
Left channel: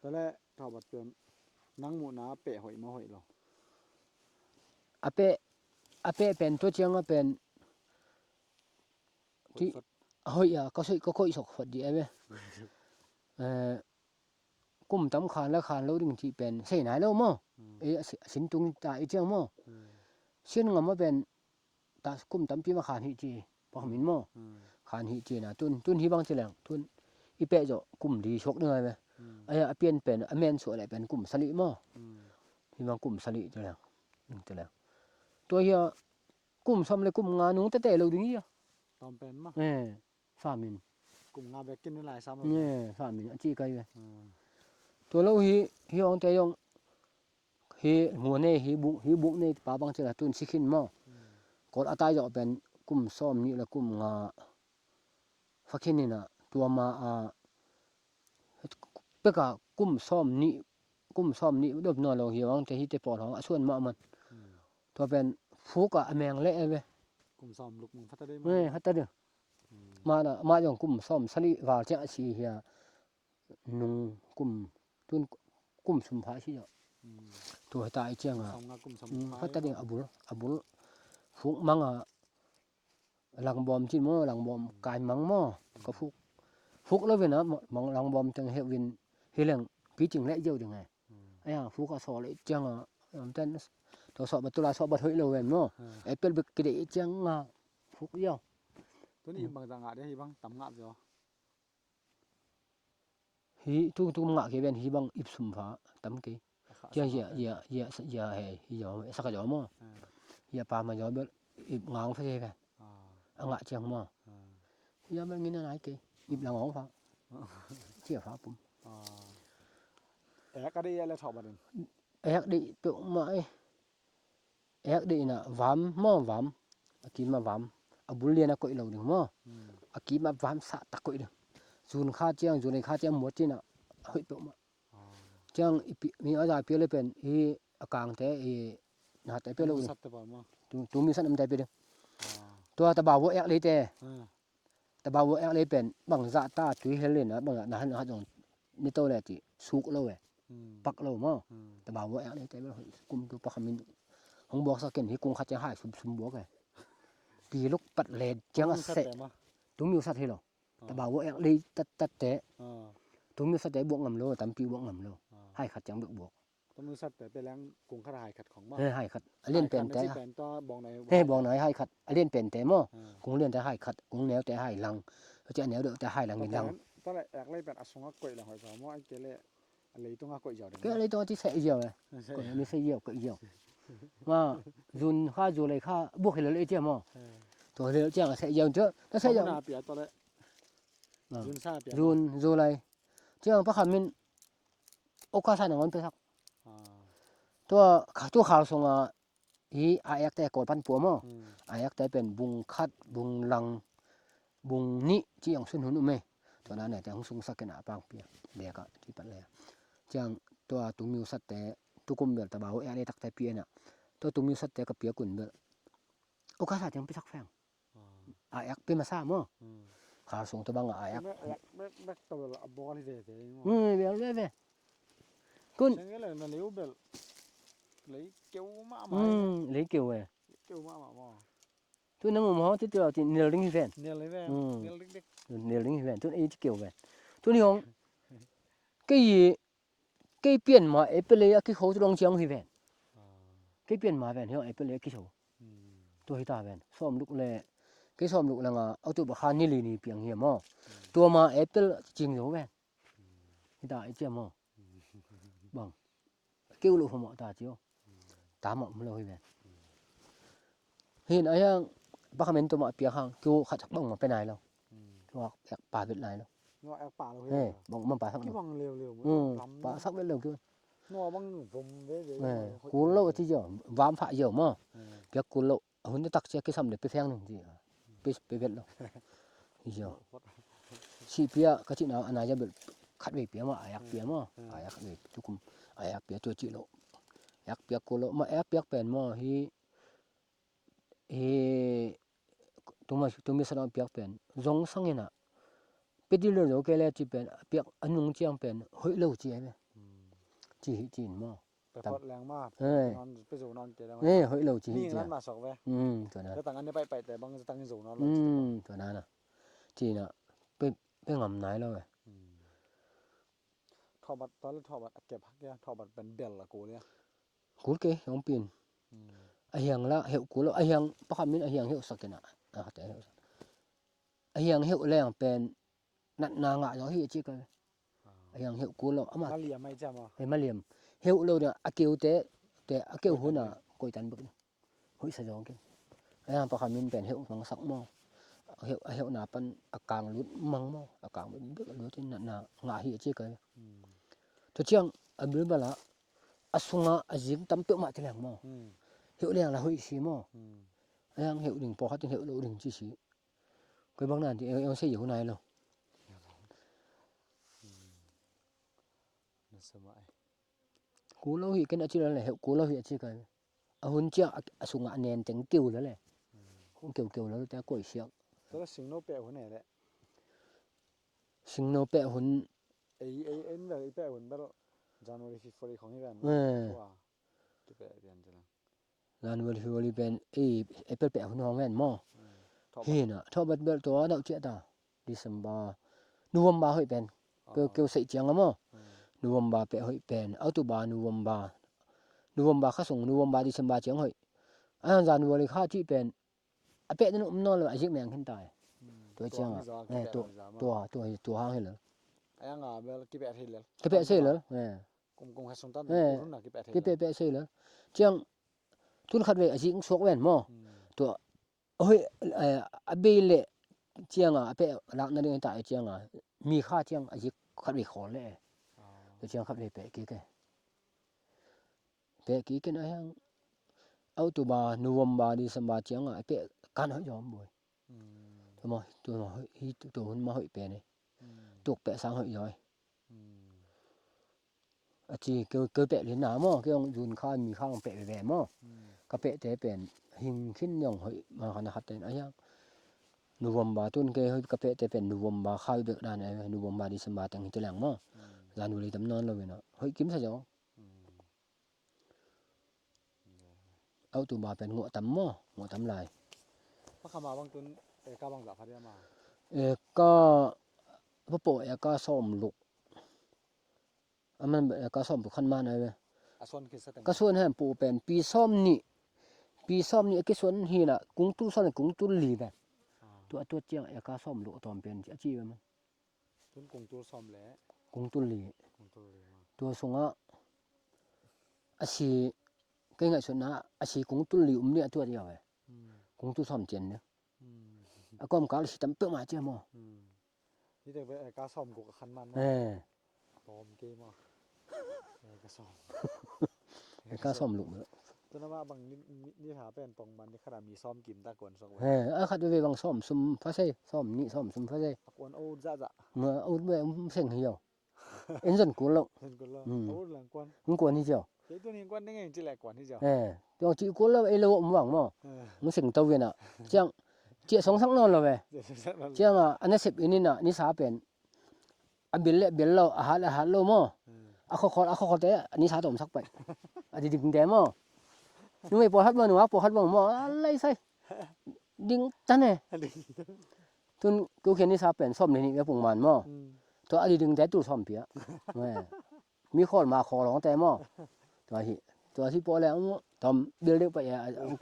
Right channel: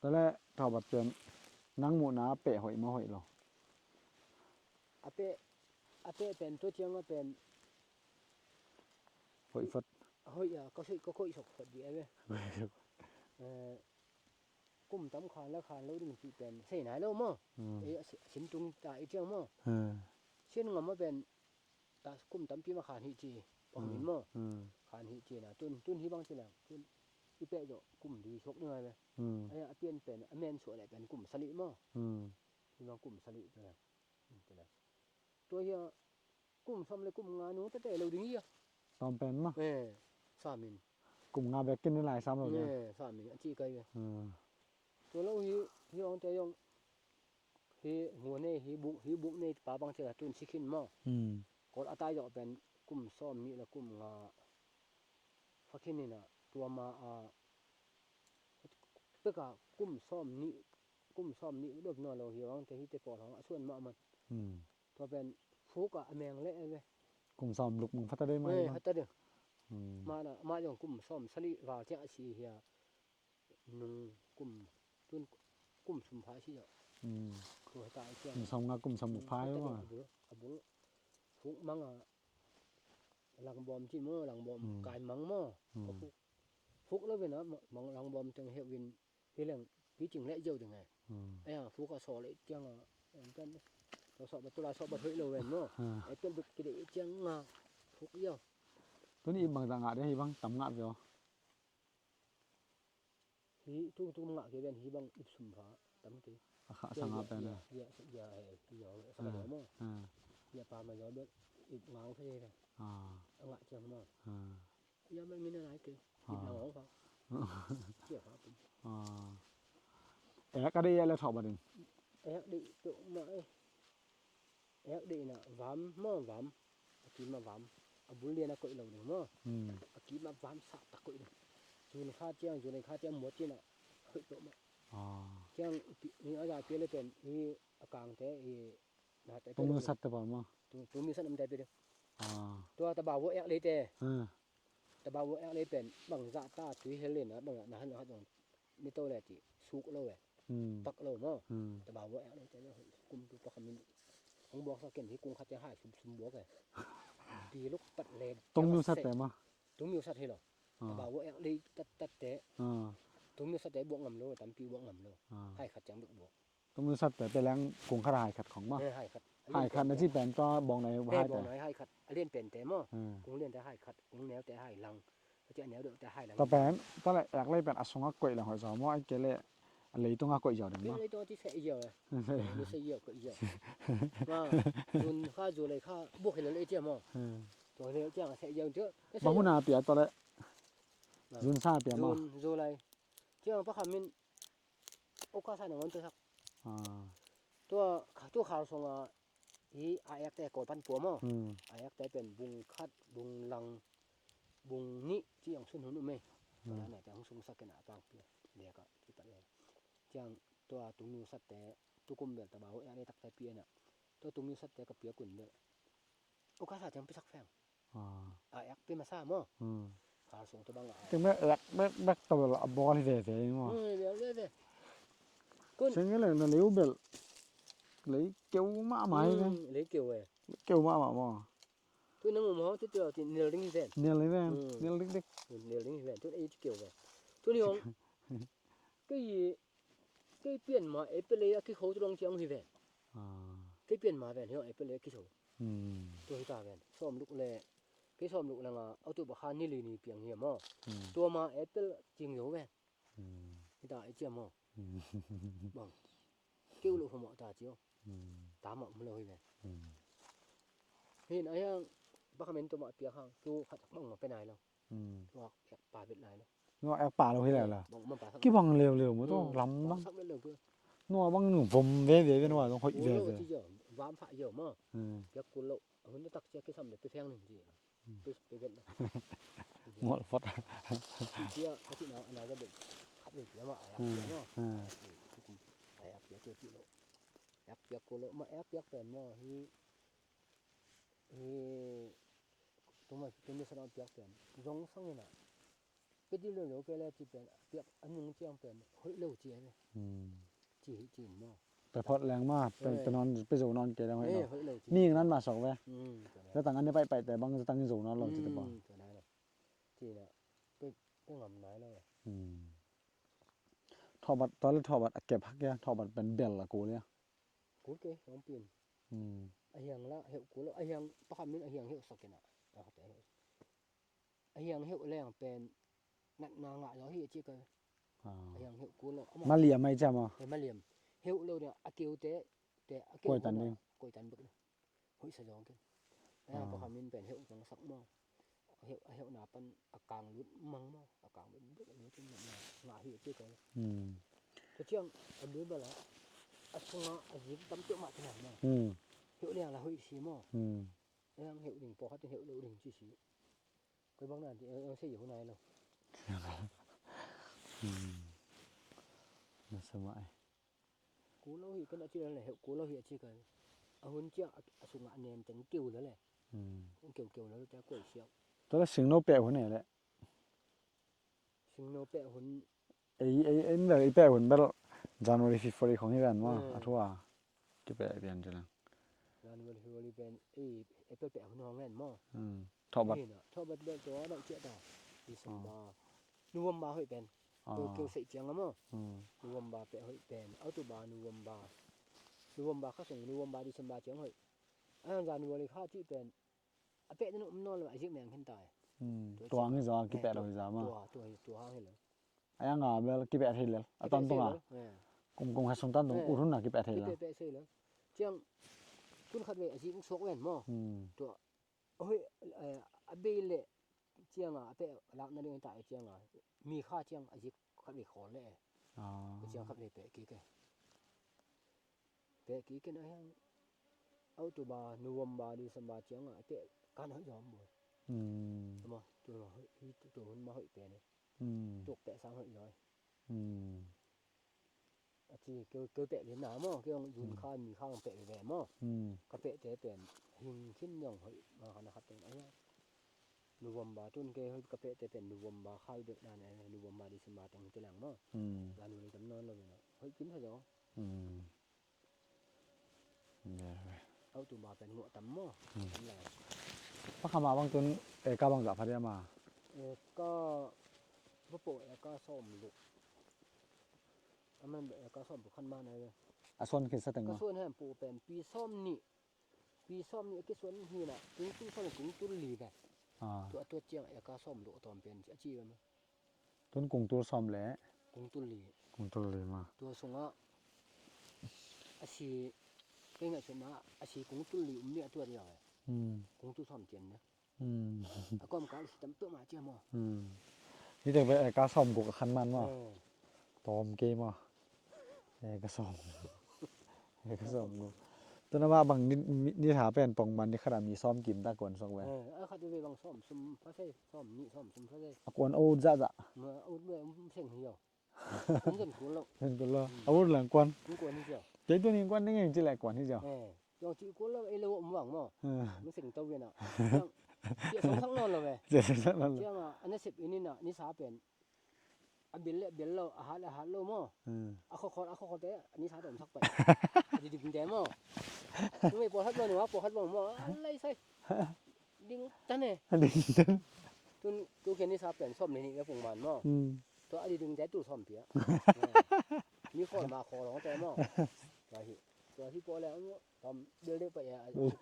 ตอนแรกทอบัดเป็นนั่งหมูนาเปะหอยมาหอยหรอ อะเปเป็นตัวเจียงก็เป็น หอยฟด เฮ้ยก็ค่อยสกฟดดีไอ้เว้ยกุ่มตำขานแล้วขานแล้วดึงที่เป็นใส่ไหนแล้วหม้อสินตุงตาอีเจียงหม้อเช่นงมาเป็นตากุ่มตำปีมาขานหิจีพอมินหม้อขานหิจีนะตุนที่บางเจริญตุนอีเปะจะกุ่มดีชกเหนื่อยไหมไอ้เปลี่ยนเป็นอเมนสวยอะไรเป็นกุ่มสลิหม้อที่บางกุ่มสลิเจริญตัวเฮียกุ่มซ้ำเลยกุ่มงานนู้นแต่เราดูนี่อ่ะ ตอนเป็นมั้ง สามิน กลุ่มงาแบกกินได้หลายซ้ำเลย สามินจีไกไปตัวเราฮีองแต่ยองฮีหัวเน่ฮีบุเน่ป่าบางเจริญตุนสิขินหม้อกดอาตายจะเป็นกุ่มซ้อมนี่และกุ่มงาฟักขินนี่นะตัวมาเปกะกุ่มซ้อมนี่ดบนอนเราฮีวังแต่ฮีเตปอดของส่วนมามันตัวเป็นฟุกอะแมงเละเว้ย กลุ่มซ้อมลุกมึงพัฒนาได้มั้ย ฮัตตะเด้อมาอย่างกุ่มซ้อมสลิวาจะสิเฮียนุงกุ่มตุนกุ่มสุมภาสิเนาะตัวตายเจียง ซ้อมงากลุ่มซ้อมพาย ฮัตตะนี่อบุลฟุกมังหลังบอมจินหลังบอมกายมังหม้อก็ฟุกแล้วเว้ยนะมังหลังบอมจังเฮวินเฮเรื่องพี่จริงและเยอะจังไงไอ้ฟุกก็สอเลยจังเต้น ตัวสอบตุลาสอบบ่ถอยเลยแม่นบ่แอปเปิลบึกกระเดจังงาฟุกยาว ตัวนี้บางต่างหากได้บางตำงะเดียว hi tu ngạ ke ben hi bang ip sum pha tam ke ya he yo sa ka yo mo ya pa ma yo be ip ngang pha ke ngạ chang mo ya ben ngin nai ke ip la ngong pha chia pha pum แอกก็ได้แล้วถอดบ่ดึง ek di tu mai ek di na vam mo vam aki ma vam abul lian ko lo ding mo aki ma vam sa ta ko ding zun kha chiang zun kha chiang mo chin na hoi tu ma chiang mi a ja pe le pen hi akang te hi na te pe lo สัตว์ตะบ่มา tu mi san am te pe de tua ta ba wo ek le te ta ba wo ek le pen bang za ta tui he le na bang na han ha jong ni to le ti suk lo we pak lo mo ta ba wo ek le te kum tu pa khamin hong bok sa ken hi kung kha cha hai sum bok ke pi luk pat le จัง chang สัต se ว์มา tu mi sat he lo ta ba wo ek le tat te tu mi sat te bok ngam lo tam pi bok ngam lo hai khat chang bok ตัวมือสัตว์แต่ไปแรงกงขรายขัดของมา hai khat len pen ใน te ที่แปลนก็บองใน he bong nai hai khat len pen te mo kung len te hai khat kung neo te hai lang cha neo de te hai lang ตะ ni แป lang นตอนแรกแอกเลยเป็นอสงะกวยแล้วหอยสอมอไอ้เกเล่อะไรต้องกวยยอด cái lấy to thì sẽ nhiều này nó sẽ nhiều cái nhiều mà dùn kha dùn này kha buộc thì lấy chưa mà rồi lấy chưa sẽ nhiều chứ nó ใช่ sẽ ย nhiều นาเปียตอนแรกรุนซาเปีย dùn rồi này chứ không bắt mình ô ca sai nó ngon tới sao tôi khảo xong à ý ai ác tay cột pan bùa mà ai ác tay bên bung khát bung lăng bung nị chỉ ông xuân hôn mê tôi nói này thì ông sung sắc cái nào bang bia để cả chỉ bắt lẹ chẳng tôi tụi mình sát té tụi cùng biệt ta bảo ai tắc tay bia nè tôi tụi mình sát té cái bia quần biệt ô cá sai chẳng biết sắc phèn ai ác bên mà sao mà khảo xong tôi bang ai คือ ác แม่แอกแม่ตัวละบอลเว่ๆมั้ง về về con ซึ่งก็เลยเลี้ยวเบลเลยเกี่ยวมาไหม lấy kiểu về เกี่ยวมาบ่ tôi nằm mò tôi thì nhiều lính về เนี่ยเลยแม่เนี่ยเล็ก nhiều lính về tôi ấy kiểu về tôi đi không cái gì cái biển mà ấy bên lấy cái khẩu tôi đang chiang về cái biển mà về hiểu ấy bên lấy cái khẩu tôi ta về xóm lúc này cái xóm lúc là ở chỗ bạc han như lì nì biển hiểm màตัวมาấy bên chiang hiểu về người ta ấy chiang mà bằng kêu lúc họ ta chiếu ta mà không lâu về hiện ấy bác mình tôi mà biển hàng kêu khát chắc bằng mà bên này đâu hoặc bà bên này đâu งอแอกป่าเราให้ได้ล่ะ bằng mà bà sắc กี่บังเร็วๆมันต้องล้ำ bà sắc bên lâu kia งัวบังหนูผมเว่ๆกันว่าต้อง cú lâu thì giờ vám phải giờ mà cái cú lâu hôm nay tắc xe cái sầm đểไปแฟงหนึ่งสิไปเวทแล้ว หมดฟอด ชีเปียก็ที่nào anh ấyจะแบบคัดเปียมาไอ้ยักเปียมาไอ้ยักเปียทุกคนไอ้ยักเปียตัวจีโลยักเปียกูโลมายักเปียเป็นมาฮีตัวมีสนามเปียเป็นจงสังเกตนะไปดีเลยเราแกเลยจีเป็นเปียอันนุ่งเจียงเป็นเฮ้ยเล่าจีไหมจีนมา แต่พอแรงมากไปนอนไปสู่นอนเกล้ เฮ้ยเฮ้ยเล่าจี นี่นั้นมาสองเว้ย ตัวนั้น แต่ต่างกันได้ไปแต่บางจะตั้งที่สู่นอนลง ตัวนั้นน่ะจีน่ะไปงำไหนแล้วเว้ย ทอบัดตอนแรกทอบัดเก็บพักแกทอบัดเป็นเบลละกูเลย กูเก๋ยองปีนไอ้ยังละเหวกูแล้วไอ้ยังปะคำนี้ไอ้ยังเหวสักกันแต่ไอ้ยังเหวแรงเป็นนัดนางะอย่างที่จีกันไอ้ยังเหวกูแล้ว มาเลียไม่จำอ่ะ ไอ้มาเหลี่ยมเหวเราเนี่ยอาเกียวแต่อาเกียวหุ่นน่ะกอยตันบึกหุ่ยสะจองกันไอ้ยังปะคำนี้เป็นเหวมังสักหม้อเหวหนาเป็นอากางลุ้นมังหม้ออากางเป็นบึกลุ้นที่นัดนางะที่จีกันตัวเชียงอันนี้บ้าละอาสุงะอาจิงตั้มเปียมาที่แหลมมั้งเหวเรื่องละหุ่ยสีมั้งไอ้ยังเหวดิ่งพอเขาถึงเหวเราดิ่งจีสีก็บางนั้นที่ยังเสียอยู่ไหนหรอ สมัย กูเราเห็นกันอาชีพอะไรเหวกูเราเห็นอาชีพกันหุ่นเจ้าอาสุงะเนียนจังกิ้วแล้วแหละกิ้วแล้วแต่กล้วยเชียง ตอนแรกสิงโนแปะหัวไหนแหละ สิงโนเปะหุ่น ไอ้แบบไอ้แปะหัวแบบJanuary 14ของที่กันว่าทั่วที่แปะเรียนจัง งานวันที่วันนี้เป็นไอ้เปะหุ่นห้องแม่นมั้ง ทอบัด นี่น่ะทอบัดเบลตัวดอกเจ้าตาดิซัมบานูวมบาเฮ้ยเป็นเกี่ยวใส่เจียงมั้งนูวมบาเปะเฮ้ยเป็นอัตุบานูวมบา November kha song November December chiang hoi an January kha chi pen ape nan no la ajik meng hin tai to ตัว chiang นี่ซอกิเปะ to ซามา to hang he le ไอ้งาเบลกิเปะทีเลย ke pe se le กงๆให้สนตันอุรุนน่ะกิเปะที ke pe se le chiang tun khat we ajik sok wen mo to hoi abe le chiang ape lak na ding tai chiang mi kha chiang ajik khat we khol le อ๋อ to chiang khat we pe ke na hang October November December chiang ape kan ho yom boy อืม mo to no hi to hun ma hoi pe ne อืม tuk pe sang hoi yoi อืม chi ke pe le na mo ke ong yun kha mi khang pe ve mo อืม ka pe te pen hing khin yong hoi ma khana khat ten ayang November tun ke hoi ka pe te pen November khai be dan ai November December tang hi te lang mo อืม January tam non lo we no hoi kim sa jo อืมเนี่ย October pen ngo tam mo ngo tam lai พระคำมาบางตุนกาบางจะพัดยามา ก็พอโปะก็ซ่อมลูกมันก็ซ่อมคันมาหน่อยเว้ย อ่ะส่วนกินสตัง ก็ส่วนให้ปูเป็นปีซ่อมนี่ก็ส่วนฮีน่ะกุ้งตุ้ซ่อมกุ้งตุ้ลีแบบ อ่า ตัวเจียงก็ซ่อมลูกตอมเป็นจี้มัน ตุนกงตัวซ้อมแหละ กุ้งตุ้ลี กงตัวเลยมา ตัวสงอ่ะอาชีก็ง่ายสุดนะอาชีกุ้งตุ้ลีเนี่ยตัวเดียวเว้ย อืม กุ้งตุ้ซ่อมเจียนเนี่ย อืม ก็มกาลสิตำเปิ้มาเจียมอ อืมนี่แต่ไปกาซ้อมกูกับคันมันว่า ตอมเกมอ่ะก็ซ้อม ก็ซ่อมลูก ตอนนั้นว่าบางนี่ถาเป็นปองมันนี่ขนาดมีซ้อมกินตะกวนซองไว้ คัดไปบางซ่อมซุมฟาเซ่ซ่อมนี่ซ่อมซุมฟาเซ่ กวนโอ้จ้ะ เมื่อเอาไปเส้นเหี่ยวเอ็นจนกูแล้ว เพิ่นตัวละเอาหลังกวน กูกวนนี่เจ้า เจ๊ตัวนี้กวนนี่ยังจิแลกวนที่เจ้า ตัวจีกูแล้วไอ้โลมหวังมั้งมึงสิงตัวเวียน่ะเจียงเจียสองทั้งนอนแล้วเว้ย เจ๊ซั่นนั่น เจียงอันนี้10อันนี้น่ะนี่สาเป็นอันเบลเราอาหารโลมั้งอะขอแต่อันนี้สาตมสักไปอันนี้ดึงแต่มั้งนึกไม่ปอดฮัดมั้งหนูว่าปอดฮัดมั้งมั้งอะไรใส่ดึงจันเนี่ย ดิน ทุนกูเขียนนี่สาเป็นซ่อมนี่ก็ปุ่งมันมั้ง ตัวอันนี้ดึงแต่ตู้ซ่อมเปียมีคนมาขอร้องแต่มั้งตัวที่ปอแล้วทำเดือดเล็กไป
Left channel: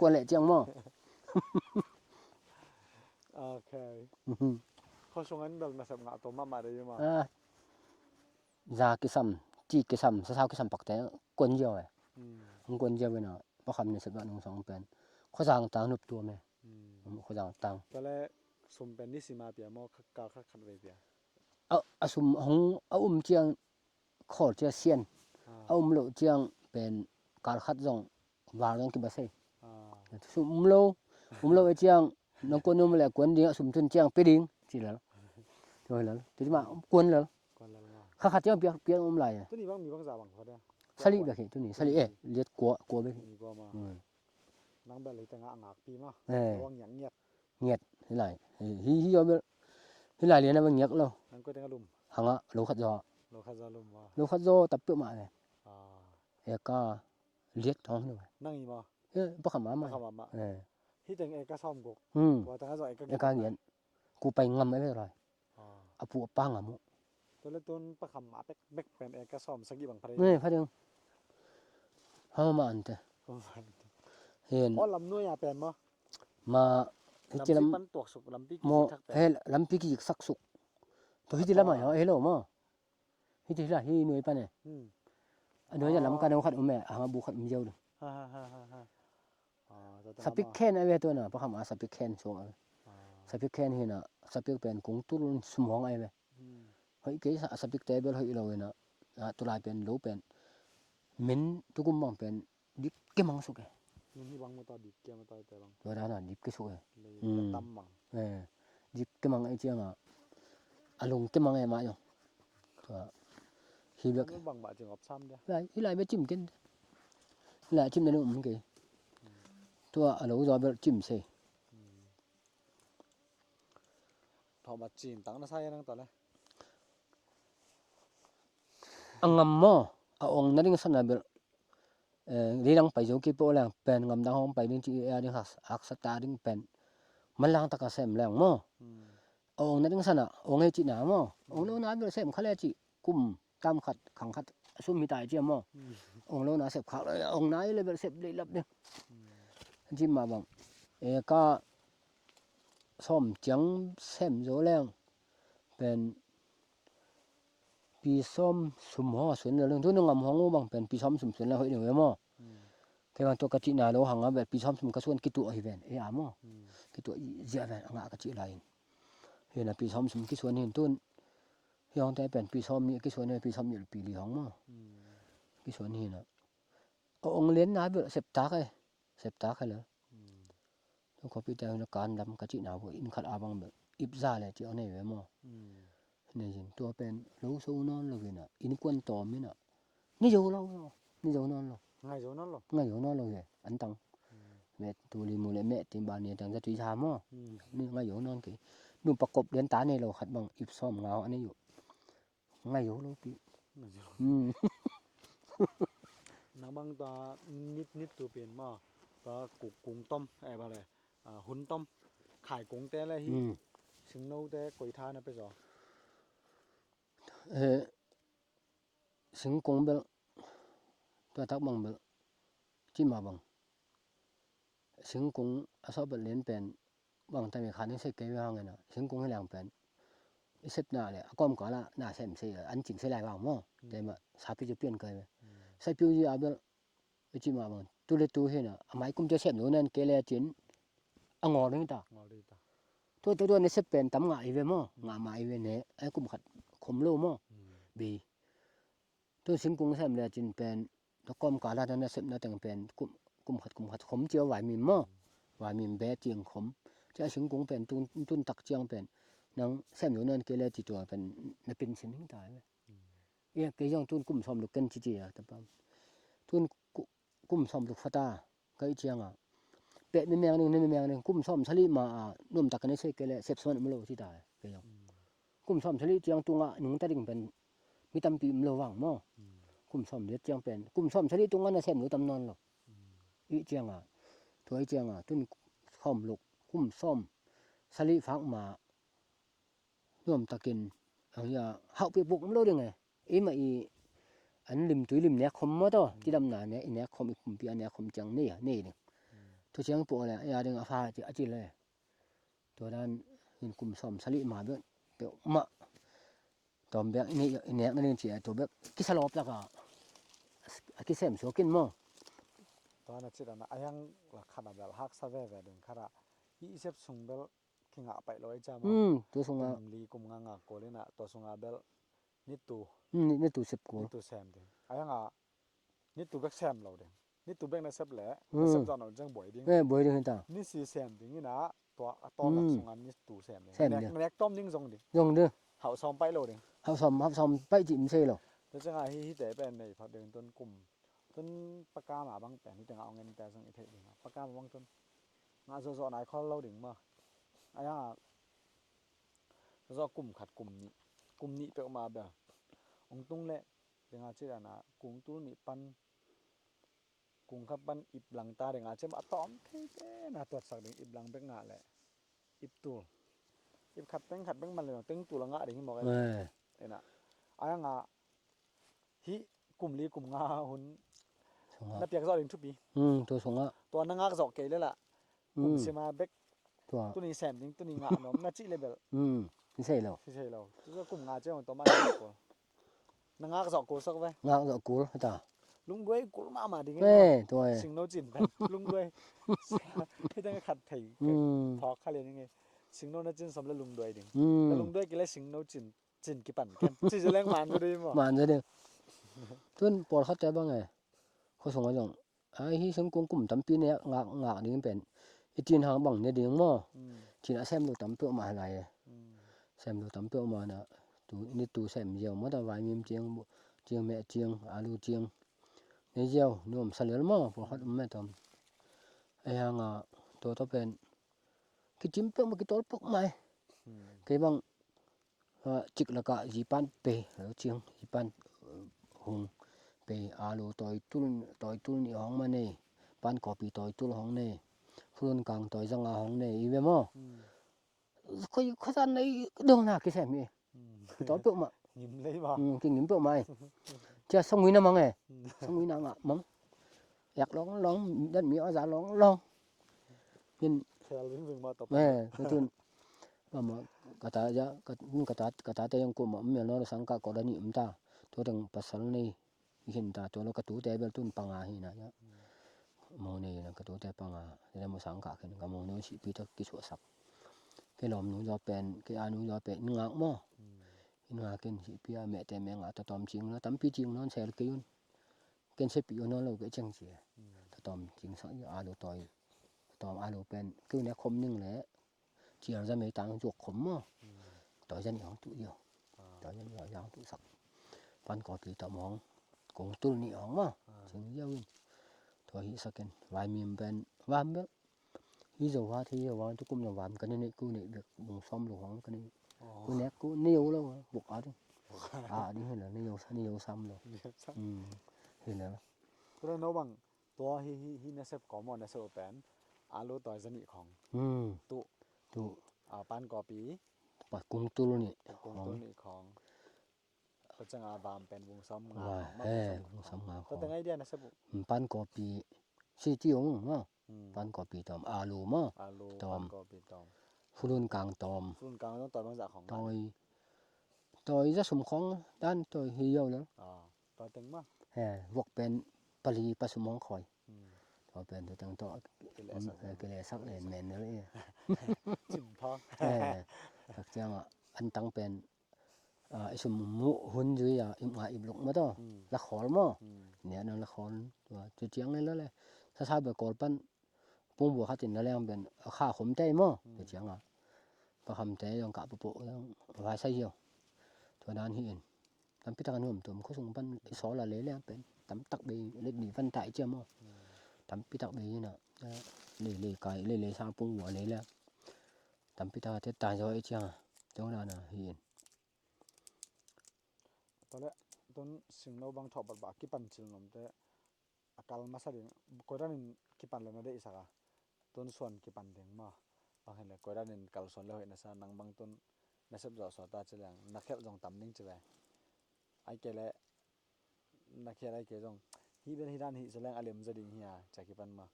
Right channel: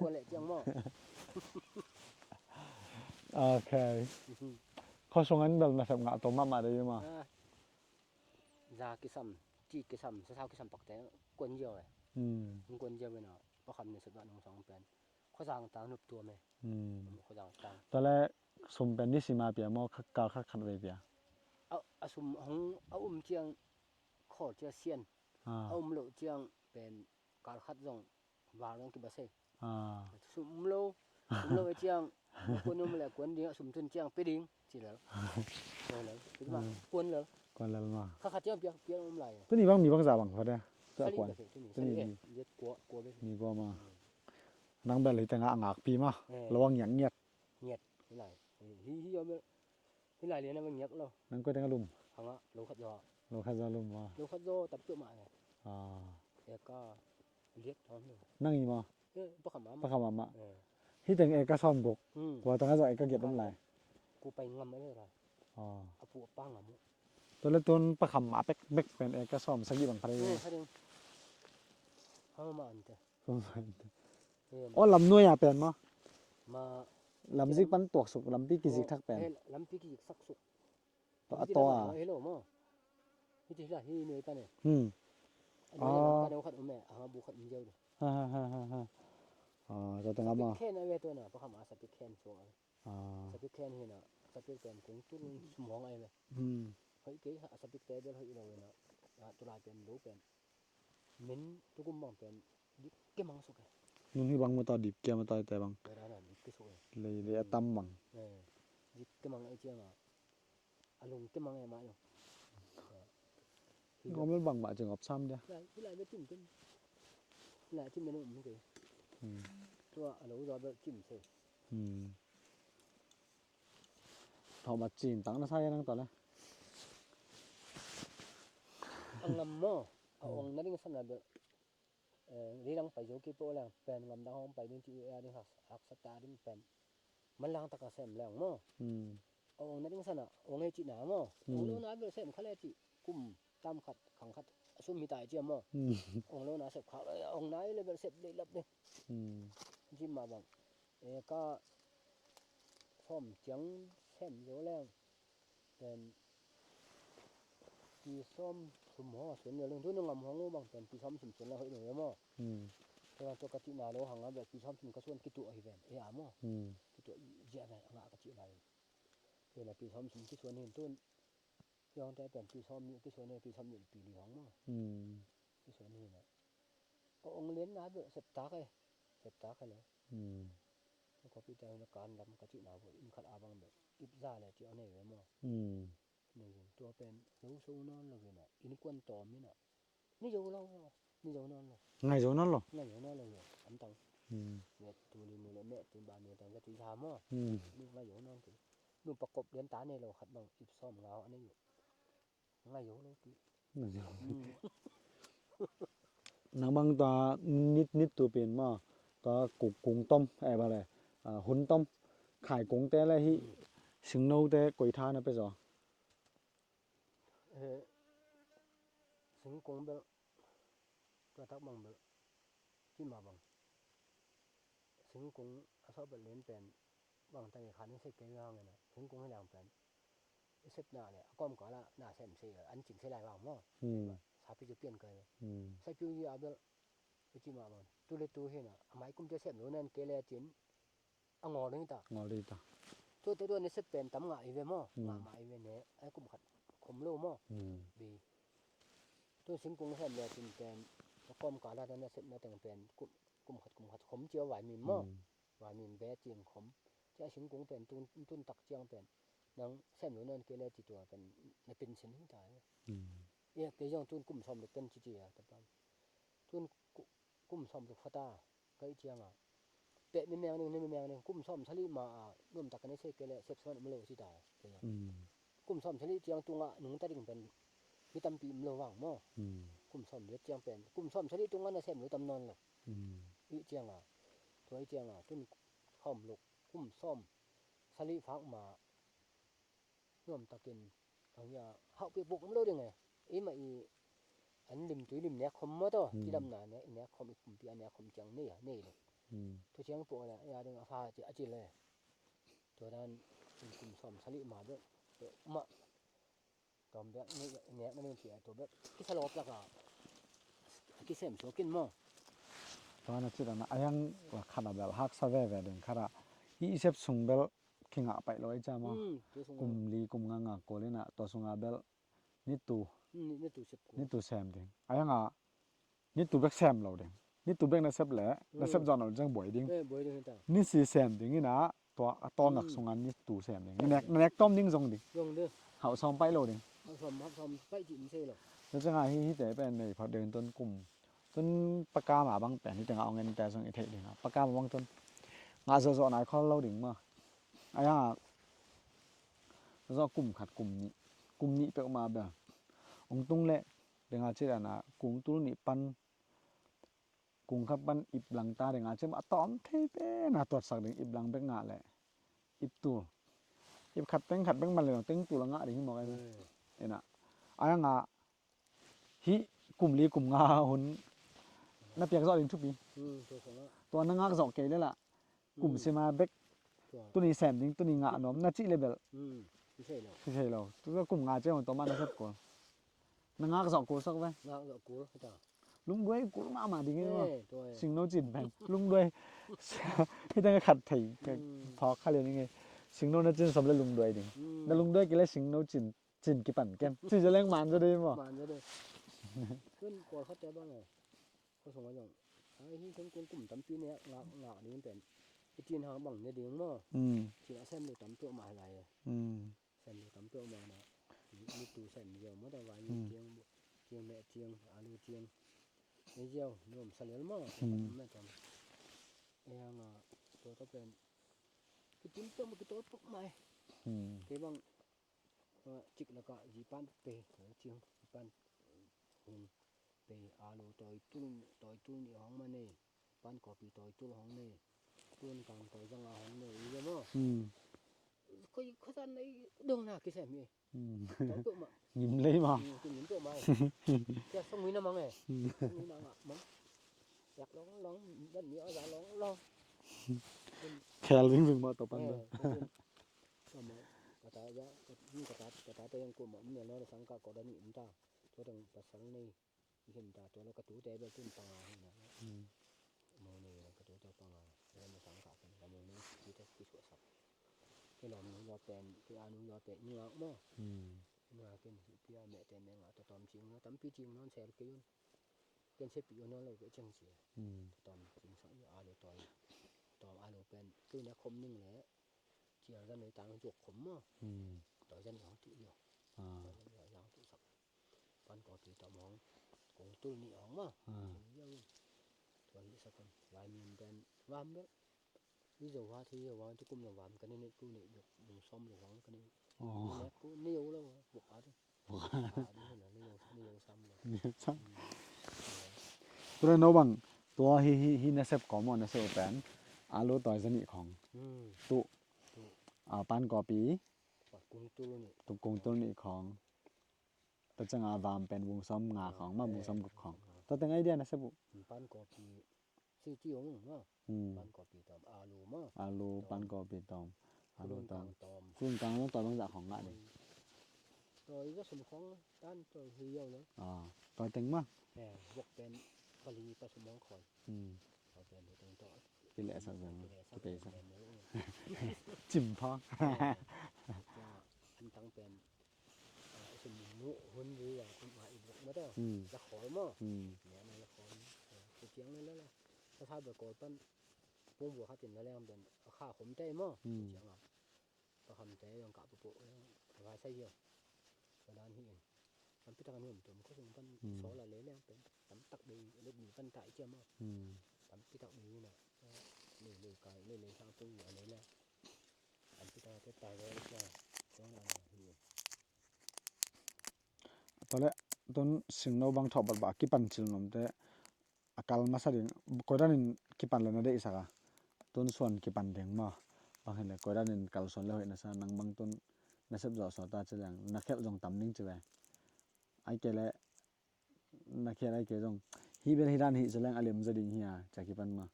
กวนแหละเจียงมั้ง โอเคเขาส่งงั้นแบบมาสับงะตัวมาได้ยังมา ra cái sầm chi cái sầm sao cái sầm bạc té quấn nhiều ấy อืม không quấn nhiều bên nào bác hầm này sẽ bạn nông song bên khó giang tang nộp tua mày อืม khó giang tang ตอนแรกสมเป็นนิสิมาเปียมอกกาคัดเวเปีย sum hong chiang khó chia xiên อ่า lộ chiang bên cả khát rong vào trong cái bát xe อ่า sum lâu chiang nó quấn nó lại quấn đi sum thân chiang bê đinh chỉ là rồi là cái mà quấn là ก่อนแล้วมา khát chiang bia lại ตัวนี้บ้างมีบ้างจ่าบ้างพอได้ sali được thì tôi nghĩ sali liệt của bên มีบ่มานังแบบเลยแต่งะงากปีมาระวังหยังเงียบ nhiệt thế này hi rồi thế này liền là bằng nhiệt lâu นังก็แต่งะลุม hàng á lúa khát giò โลคาซาลุมว่า lúa khát giò tập tự mại này อ่า ก็เลียดท้องเลย นั่งอีบ่ บ่ขำมา มาเข้ามามะ เออ ที่แต่งเอกซ้อมกว่าต้องให้จ่อเอกเก็บ การเงินกูไปงำไม่ได้เลย อ๋อ เอาปูปังอ่ะมุ ตัวละต้นประคำมาเป๊กเบกเป็นเอกซ้อมสักกี่บังพะ นี่เขาเดียวเฮามาอันเตเห็น อ๋อลำน้วยอ่ะเป็นบ่ มา ลำซิปันตวกสุกลำปีกี่สิทักเป็น เฮ้ลำปีกี่สักสุกตัวที่ละใหม่เฮ้โลมาที่ละที่หน่วยปะเนี่ย อันนี้จะลำกันเอาขัดแม่หาบุขัดมีเยอะเลย ฮ่าฮ่าฮ่าฮ่าอ๋อจะต้อง สปิก มา แคนไอ้เวตัวน่ะเพราะคำว่าสปิกแคนช่วง อ๋อ สปิกแคนเห็นน่ะสปิกเป็นกุ้งตุ้นสมองไอ้เว เฮ้ยเกยสปิกเตเบิลเฮ้ยเราเนาะตัวลายเป็นโลเป็นมินทุกคนมองเป็นดิบเก็มังสุก นุ่นที่บังมาต่อดิบเกียมาต่อแต่บัง ตัวนั้นน่ะดิบเก็สุก เลยเรียตั้มบัง ดิบเก็มังไอ้เจียงอ่ะอารมณ์เก็มังไอ้มาอยู่ฮีเบ มันบังบะจึงอบซ้ำเด้อ ลายไปจิ้มกินลายจิ้มในนู้นเกยตัวอารมณ์เราไปจิ้มเส ทอมาจีนตั้งน่ะใส่นั่งต่อเลย อังงำมอองนั่นก็สนาเบลเรื่องไปโจกีโปแรงเป็นงำดังห้องไปดิ้งจีเอดิ้งหักสตาร์ดิ้งเป็นมันลังตะกะเสมแรงมอองนั่นก็สนาองให้จีหนามอองนู้นน้ำเบลเสมเขาเลยจีกุม ตามขัดขังขัดซุมมีตายเจียมอ องค์โลนาเสพขาวองค์ไหนเลยแบบเสพเลยลับเนี่ยจิ้มมาบังก็ซ่อมจังแซมโจแรงเป็นปีซ่อมสุมหอสวนเรื่องทุนงำห้องบังเป็นปีซ่อมสุมสวนแล้วเฮ้ยเดี๋ยวมั้งแต่ว่าตัวกะจินาโลหังแบบปีซ่อมสุมกระส่วนกิตัวอีเวนอามอกิตัวเจียเวนงากะจิไลเห็นปีซ่อมสุมกิส่วนเห็นต้นยองแต่เป็นปีซ่อมนี่กิส่วนเนี่ยปีซ่อมอยู่ปีลีห้องมั้งกิส่วนนี่นะองเลี้ยนนาเบเสพตาไเสพตาไเลยต้องขอพิจารณาการดำกะจินาบ่อินขัดอาบังแบบอิบซาเลยจิเอาในเวมอนี่จิตัวเป็นรู้สูนอนเลยน่ะอินกวนตอมนี่น่ะนี่อยู่เรานี่อยู่นอนเรา ngay chỗ nó rồi ง่ายอยู่นอนเราเลยอันตังเม็ดตูลีมูเลเมติบานเนี่ยตังจะตุยชามอนี่ง่ายอยู่นอนกี่ดูประกบเลี้ยนตาในเราขัดบังอิบซ่อมเงาอันนี้อยู่ง่ายอยู่เราปีnó bằng ta nít nít tụ biển mà ta cúng tôm ai bà này hun tôm khai cúng té là hi sừng nâu té quẩy tha nó bây giờ สิงกงเบลตัวทักบังเบลจิมาบังสิงกงอาซอเบลเลียนเป็นบังแต่มีขานึงเสกเกยว่าไงนะสิงกงให้แรงเป็นเสพหน้าเลยอากอมก่อนละหน้าเสมเสียอันจริงเสียหลายว่างมั้งแต่ว่าสาพิจะเปลี่ยนเกยใส่ผิวยี่อาเบลจิมาบังตัวเล็กตัวเห็นอ่ะหมายกุมจะเสพอยู่นั่นเกลจินอ่างอนี่ตา ngồi đi ta ตัวนี้เสพเป็นตำงาอีเวมั้งงามาอีเวเนี่ยไอ้กุมขัดขมโลมั้งบีตัวสิงกงแซมเนี่ยจินเป็นตะกอมกาลานั้นเสพน่ะแต่งเป็นกุมขัดขมเจียวไหวมีมั้งไหวมีแบเจียงขมจะสิงกงเป็นตุนตักเจียงเป็นนังแซมอยู่นั่นเกลจิตัวเป็นน่ะเป็นสินตายเนี่ยเกยองตุนกุมซ่อมลูกกันจิอ่ะตะปามตุนกุมซ่อมลูกฟะตาก็อีเจียงอ่ะเป็ดมีแมงนึงมีแมงนึงกุมซ่อมสลิมานุ่มตักกันได้ใส่เกลเสพส่วนมโลที่ตายเกยองกุมซ่อมสลิเจียงตุงอ่ะหนึ่งตะดิ่งเป็นมีตำปีมโลว่างมั้งกุมซ่อมเด็ดเจียงเป็นกุมซ่อมสลิตรงนั้นน่ะแซมอยู่ตำนอนหรอกอีเจียงอ่ะถวยเจียงอ่ะตุนซ่อมลูกกุมซ่อมสลิฟักมาร่วมตะกินอย่าเฮาไปบุกมโลได้ไงอีมาอีอันริมตุยริมเนี่ยคมมาต่อที่ดำหน้าเนี่ยอีเนี่ยคมอีกปีอันเนี่ยคมจังนี่อ่ะนี่ตัวเชียงปัวเลยอย่าดึงอาฟ้าจิอจิเลยตัวนั้นเป็นกุมซ่อมสลิมาเบิ่เปียวมะตอมแบบนี่เนี่ยนั่นสิตัวแบบกิสลอบแล้วก็กิเสมโชกินมั้ง ta nó chỉ là nó ayang là khát làแบบฮักซะแว่ๆดึงขนาดอีเซฟซุงเบลคิงอ่ะไปเลยจ้ามั้ง ตัวสงา ลีกุมงางโกเลยนะตัวซุงอ่ะเบลนิตู นี่ตัวเสพกู นิตูแซมดึงayangอ่ะนิตูเบกแซมเราดึงนิตูเบกนะเซฟแหละนะเซฟจอนเราจังบ่อยดึง บ่อยดึงตา นี่สิแซมดึงนี่นะตัวตอมหลักซุงอ่ะนิตูแซมดึงแนกต้อมดิ้งซงดึง ยงเด้อ เฮาซ้อมไปโลดึง เฮาซ่อมไปจิมเซหรอ แล้วจังไงที่แต่เป็นในพอเดินต้นกลุ่มต้นปากกาหมาบางแปลนที่จังเอาเงินแต่ส่งอีเทดึงอ่ะปากกาบางต้นงาซอๆไหนข้อเราดึงมาayangอ่ะdo กลุ่มขัดกลุ่มนี้เปมาแบบองตุงแหละdengan cerita na kung tu ni pan kung kapan iblang ta dengan cem atom thebe na tot sak ding iblang bek nga le ib tu ib khat beng man le teng tu la nga ding mo cái ena aya nga hi kum li kum nga hun na piak zo ding thu bi ตัวสงอ่ะ ตัวna nga zo ke le la kum se ma bek ตัว tu ni sem ding tu ni nga nom na chi level นี่ใช่แล้ว ที่ใช่เราตัวkum nga che on to man ko na nga zo ko sok ve งาก็กูตา ลุงด้วยกูงามาดิไง ตัว สิงโนจินกันลุงด้วยที่ตั้งขัดถีพอเขาเรียนยังไงสิงโนน่ะจินสำเร็จลุงด้วยดิแต่ลุงด้วยกินแล้วสิงโนจินกี่ปั่นแกจินจะแรงมันก็ได้บ่ มันซะเด้อทุนปอดเข้าใจบ่ไงเขาส่งมาจังไอ้ที่สังกงกลุ่มตำปีเนี่ยงากนี่เป็นไอ้จีนหางบังเนี่ยดิงมั้จีนแซมดูตำเปมาหลายแซมดูตำเปมาน่ะตูนี่ตูแซมเดียวมาตะวายมีเจียงแม่เจียงอาลูเจียงนี่เจียวนุ่มสะเหลือมั้งพวกแม่ตำไอ้หางตัวต้องเป็นคือจิ้มเปมากี่ตัวปกใหม่คือบังจิกแล้วก็จีปันเปแล้วเจียงจีปันหงเปอาลูตอยตุ้นนี่ห้องมานี่ปันกอปีตอยตุ้นห้องนี่phương càng tỏi răng hóng này ý mò khơi khơi ra này đường nào cái xem gì tỏi bự mà ยิ้มเลยบ่ kinh nghiệm chỗ mày chưa xong mấy năm nghe xong mấy năm ạ mắm giặc lóng đất mía giá lóng nên แค่ลิ้นวิ่งบ่ตบ nè cái chuyện mà cả ta tay yang ko mà mẹ nó sang cả có đã niệm ta tôi đừng pasal ni hiện ta tôi nó cái tú tay bên tun panga hi na màu này là cái tú tay panga nên mà sang cả cái màu nó chỉ biết cái chỗ sập cái lòm nó do pen cái anu do pen ngang mo ngà cái chỉ biết mẹ tay mẹ ngà ta tóm chính nó tắm pi chính nó sẽ cái cái sẽ bị nó là cái chân gì ta tóm chính sẵn anu tỏi tóm anu pen cứ nè khom nhưng lẽ chỉ ra mấy tang chuột khom mo tỏi dân nhỏ tụ nhiều tỏi dân nhỏ tụ sập pan có bị tóm hong cũng tu ni hong mà chính yêu thôi hi second vài miền bên vam đó ví dụ hoa thì hoa tôi cũng là vam cái này cứ này được bùng xóm được hong cái này cái này cứ nhiều lâu buộc ở đi đi hay là nhiều xăm rồi thì là ตัวโนบังตัวฮีนะเซฟก็มอนนะเซฟแปนอาโลตอยสนิของตุปานกอปี và cung tu luôn nhỉ กงต้นนี่ของตัวจังอาวามเป็นวงซ้อมงาของมันวงซ้อมของตัวตั้งไอเดียนะเซฟ pan cò pi si tiong mà pan cò pi tòm alu mà อาโลปานกอปีตอม phun càng tòm ฟุ้งกลางต้องต่อต้องจากของ tôi rất sum khong đan tôi hiểu nữa ต่อยตึงมัน vọc bên pali pasumong khoi tôi bên tôi tăng to เป็นแอส cái này sắp lên nền nữa đấy จิ้มพอ thật ra mà anh tăng bên sum mu hun dưới im lục mà to là khó mà nè nó là khó rồi chỉ tiếng lên đó này sao bởi cột pan bung bùa khát tiền nó lên bên khá khom tay mà chỉ tiếng à và khom tay trong cả bộ vài sai nhiều tôi đang hiện tắm pita kan tụm có sung pan số là lấy lên bên tắm tắc bì lên bì văn tại chưa mà tắm pita bì như nào lấy cái lấy sao bung bùa lấy lên tắm pita thế tài rồi chưa chỗ nào là hiện ตอนแรกต้นสิงโนบางทอบบากิปันจิลนมแต่อากาลมาซะดิกอดานินกิปันแล้วนะได้อีสักต้นส่วนกิปันแดงมาบางเห็นเลยกอดานินกัลส่วนแล้วเห็นนะซะนังบางต้นนะเซบจอสอตาจะอย่างนักแคบจงตำนิ่งจะแวไอเกลนักแคบไอเกจงฮีเป็นฮีด้านฮีจะแรงอารมณ์จะดิ่งเฮียจากกิปันมา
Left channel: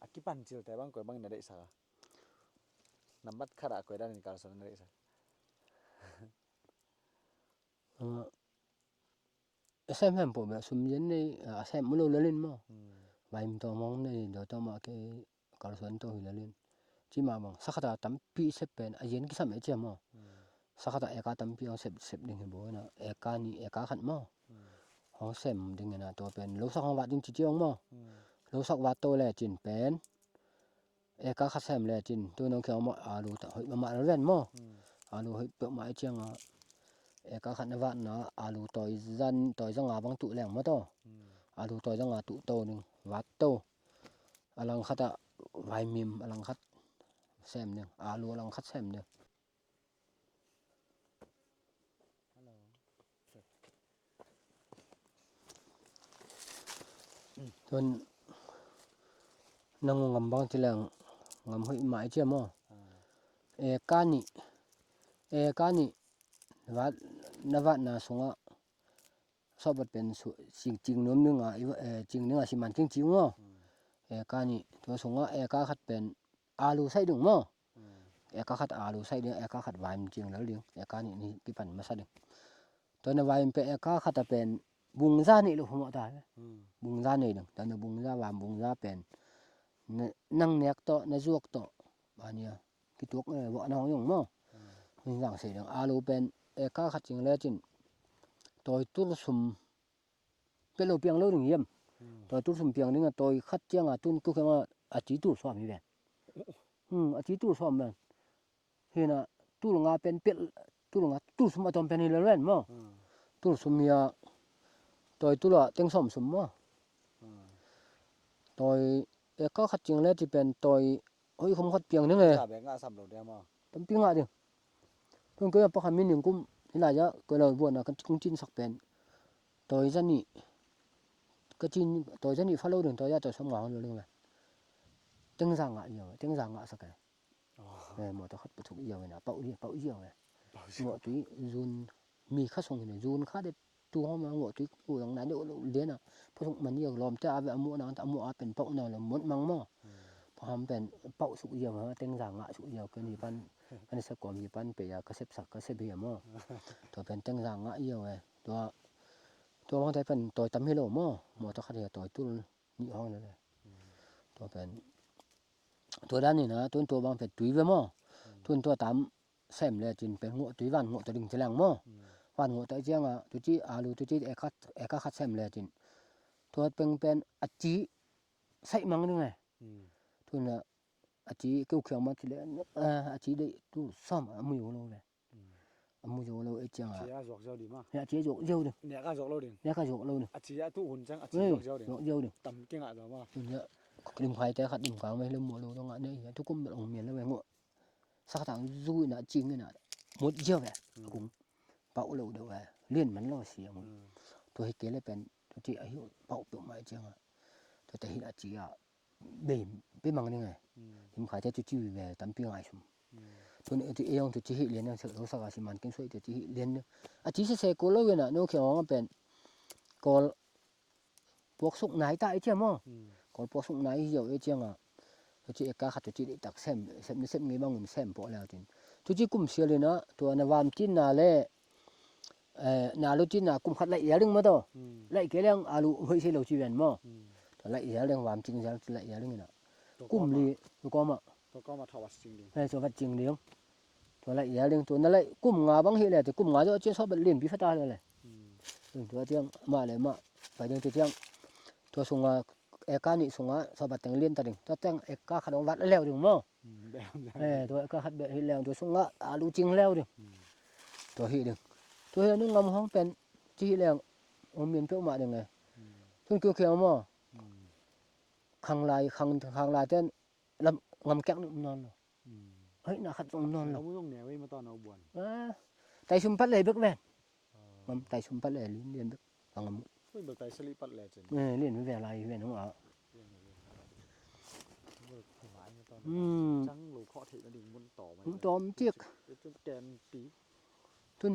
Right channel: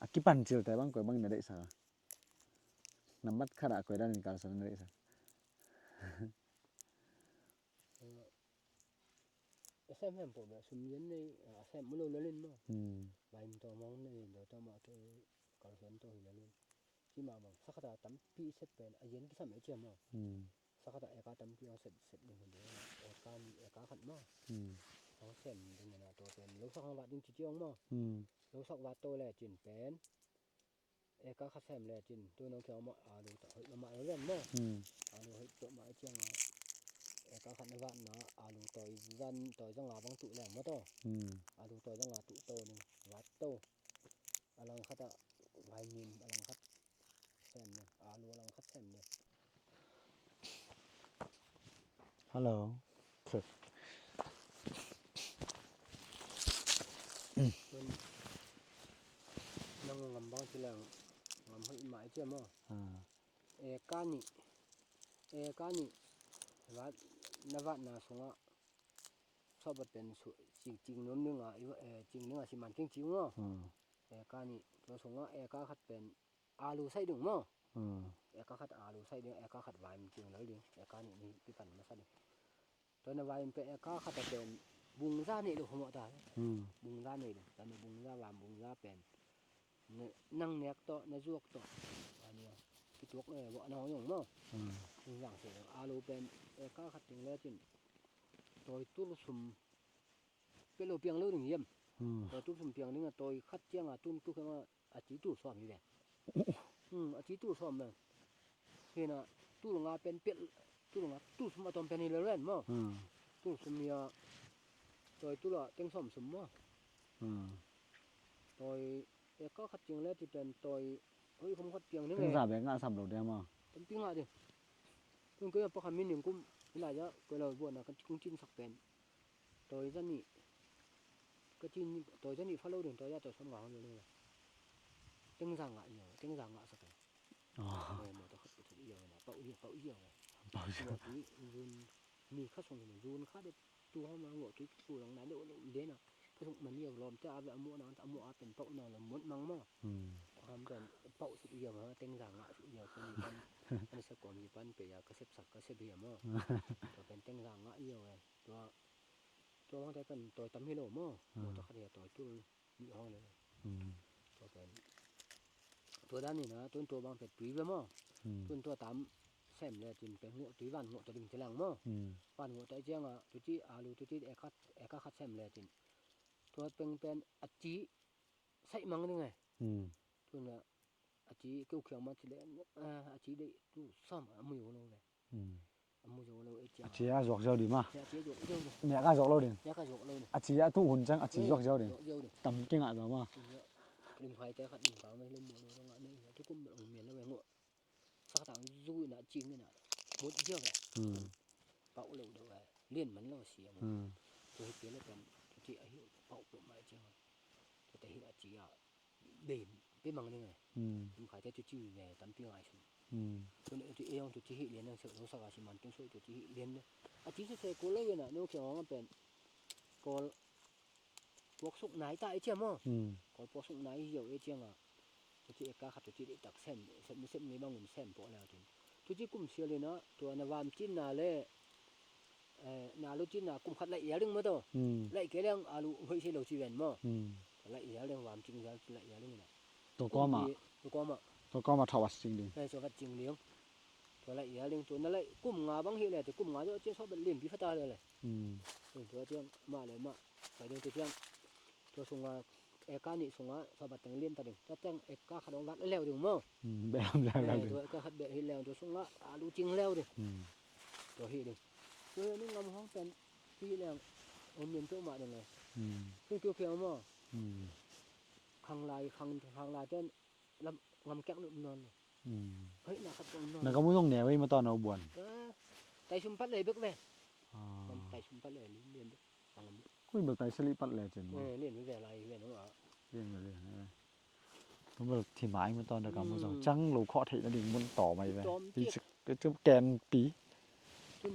อากิปันจิลแต่บางกอยบางนะได้อีสักน้ำมัดขระกอดานินกัลส่วนได้อีสักxem hem bộ mẹ sum yen này xem mua lâu lên mà vài mình to mong này rồi to mà cái cả xuân to lên chỉ mà bằng sắc ta tắm pi xếp bên yen cái sao mấy chứ mà sắc ta eka tắm pi xếp đỉnh cái bố nè eka khăn mà họ xem đỉnh cái nào to bên lâu sắc họ vặt đỉnh chỉ chiong mà lâu sắc vặt to là chín bên eka khát xem là chín tôi nói kiểu mà alu ta hơi mà nó lên mà alu hơi bự mãi chiang eka khăn vặt nó alu tỏi dân tỏi rang à băng tụ lẻng mà to alu tỏi rang à tụ to nè vặt to alang khát à vài mìm alang khát xem nè alu alang khát xem nè ฮัลโหลฝึก Tuần nang ngam bang tilang ngam hoi mai che mo ka ni wat na sunga sobat pen jing nom nunga jing nunga siman king jing mo ka ni to sunga ka khat pen alu sai dung mo ka khat alu sai ding ka khat vai jing lo ding ka ni ki pan ma sa ding to na vai pe ka khat pen bung ra ni lo mo ta bung ra ni ding ta na bung ra vam bung ra pen nang nek to na juak to ania ki tok bo na yong mo ning gang se ding alu pen ka khat jing le chin toy tul sum pelo piang lo ding yem toy tul sum piang ding toy khat chiang tun ku khama a chi tu so mi ben a chi tu so ben hena tu nga pen pel tu nga tu sum atom pen le ren mo tu sum ya toy tu la teng som sum mo toy ka khat jing le ti pen toy oi khom khat piang ding e สาบงาสับดอกเดียวมา tâm piang a ding tung ke pa khamin ning kum ila ja ko lo bon na kan kung chin sak pen toy jani ka chin toy jani follow ding toy ja to som ngang lo ding teng jang a sak mo to khat pu thuk iyo na pau iyo mo tu zun มีข้าส่งเนี่ยยูนข้าได้ตัวมาหัวตุกูหลังนั้นเดี๋ยวเรียนอ่ะพอมันเนี่ยลอมจะเอาหมู่นั้นเอาหมู่เป็นเป้าแนวละหมดมังมั้งพอทำเป็นเป้าสุกเยอะมาเต็งสังอ่ะสุกเยอะก็มีปันอันสกอมมีปันไปก็เสพสักก็เสพเบียมั้งตัวเป็นเต็งสังอ่ะเยอะเว้ยตัวมันได้เป็นตัวตำให้โลมั้งหมดตัวคดีตัวตุ้นนี่ห้องเลยตัวเป็นตัวด้านนี้นะตัวบางเป็นตุ้ยไปมั้งตัวตำเสมเลยจินเป็นหัวตุ้ยวันหัวตัวดิ่งจะแรงมั้งวันหัวตัวเจียงอ่ะตัวจีอาลูตัวจีเอกคัดเสมเลยจินตัวเป็นอจีใส่มังนึงไงตัวน่ะอจีเกี่ยวเขียวมาทีเลยอจีได้ตัวซ้ำมือโลเลยมือโลไอ้เจียง chị à giọt dầu đi mà เนี่ยเจียโยโย่ดิ mẹ cái giọt lâu đi เนี่ยก็โยโลดิ à chị à tu hồn trắng à chị giọt dầu đi โยดิ tầm cái ngại rồi mà เนี่ยดึงไฟแต่ขัดดึงกลางไว้ลืมหมดโลตรงนั้นเนี่ยทุกคนแบบองเมียนแล้วแม่งว่าสักทางรู้น่ะจริงน่ะหมดเยอะแหละเป่าโลเด้อว่าเลื่อนมันแล้วเสียงตัวให้เกเลยเป็นตัวที่อายุเป่าตัวมาจังอ่ะตัวแต่เฮ็ดอาจีอ่ะเบ่เป็นมังนี่ไงผมขายแต่จี้ๆแหวตำปีง่ายซุมตัวนี้ที่เองตัวที่เฮ็ดเรียนเสเราสักสิมันกินสวยตัวที่เรียนอาจีเสโกโลเวน่ะโนเขียวมันเป็นกอลพวกสุกไหนตาไอ้เจ้ามั้งกอลพวกสุกไหนเหี่ยวไอ้เจ้าอ่ะตัวที่เอกาขัดตัวที่ตักเส้นมีบางเส้นพอแล้วจริงตัวที่กุมเสียเลยนะตัวนาวามจินนาเลนาลูจินนากุมขัดละเอียดนึงมาต่อละเอียดเรื่องอาลูเฮ้ยสิเราจีเวนมั้งละเอียดเรื่องวามจริงจะละเอียดเรื่องน่ะกุมดีตัวก็มาตัวก็มาถวัดจริงดิตัววัดจริงเดียวตัวละเอียดเรื่องตัวนั่นแหละกุมงาบางเฮ็ดแล้วแต่กุมงาตัวเจ้าชอบเล่นพิฟตาเลยตัวเจียงมาเลยมาไปเรื่องตัวเจียงตัวส่งเอกานี่ส่งสอบแต่งเรียนตะดึงตัวแต่งเอกาขัดวัดแล้วดึงมั้งแบบตัวเอกาขัดแบบเฮ็ดแล้วตัวส่งอาลูจริงแล้วดึงตัวเฮ็ดดึงตัวเฮ็ดนึงงำห้องเป็นจี้แล้วอมเมียนเพิ่มมาดึงไงเพิ่งตัวเขียวมั้งข้างลายเต้นลำงำแก้งนอนเฮ้ยน่าขัดตรงนอน มันก็ไม่ต้องแหนไว้มาตอนเอาบ่วนไตชุมพัดเลยบึกแม่มันไตชุมพัดเลยเรียนบึกฟังงำ คุยแบบไตสลิปัดเลยจังเรียนเวลาเรียนของเราเรียนมาเรียนมันแบบที่หมายมาตอนนั้นจังลูกเคาะเทะดิ่งมันต่อมาเลยตอมเจี๊ยกจุ๊บแกนปี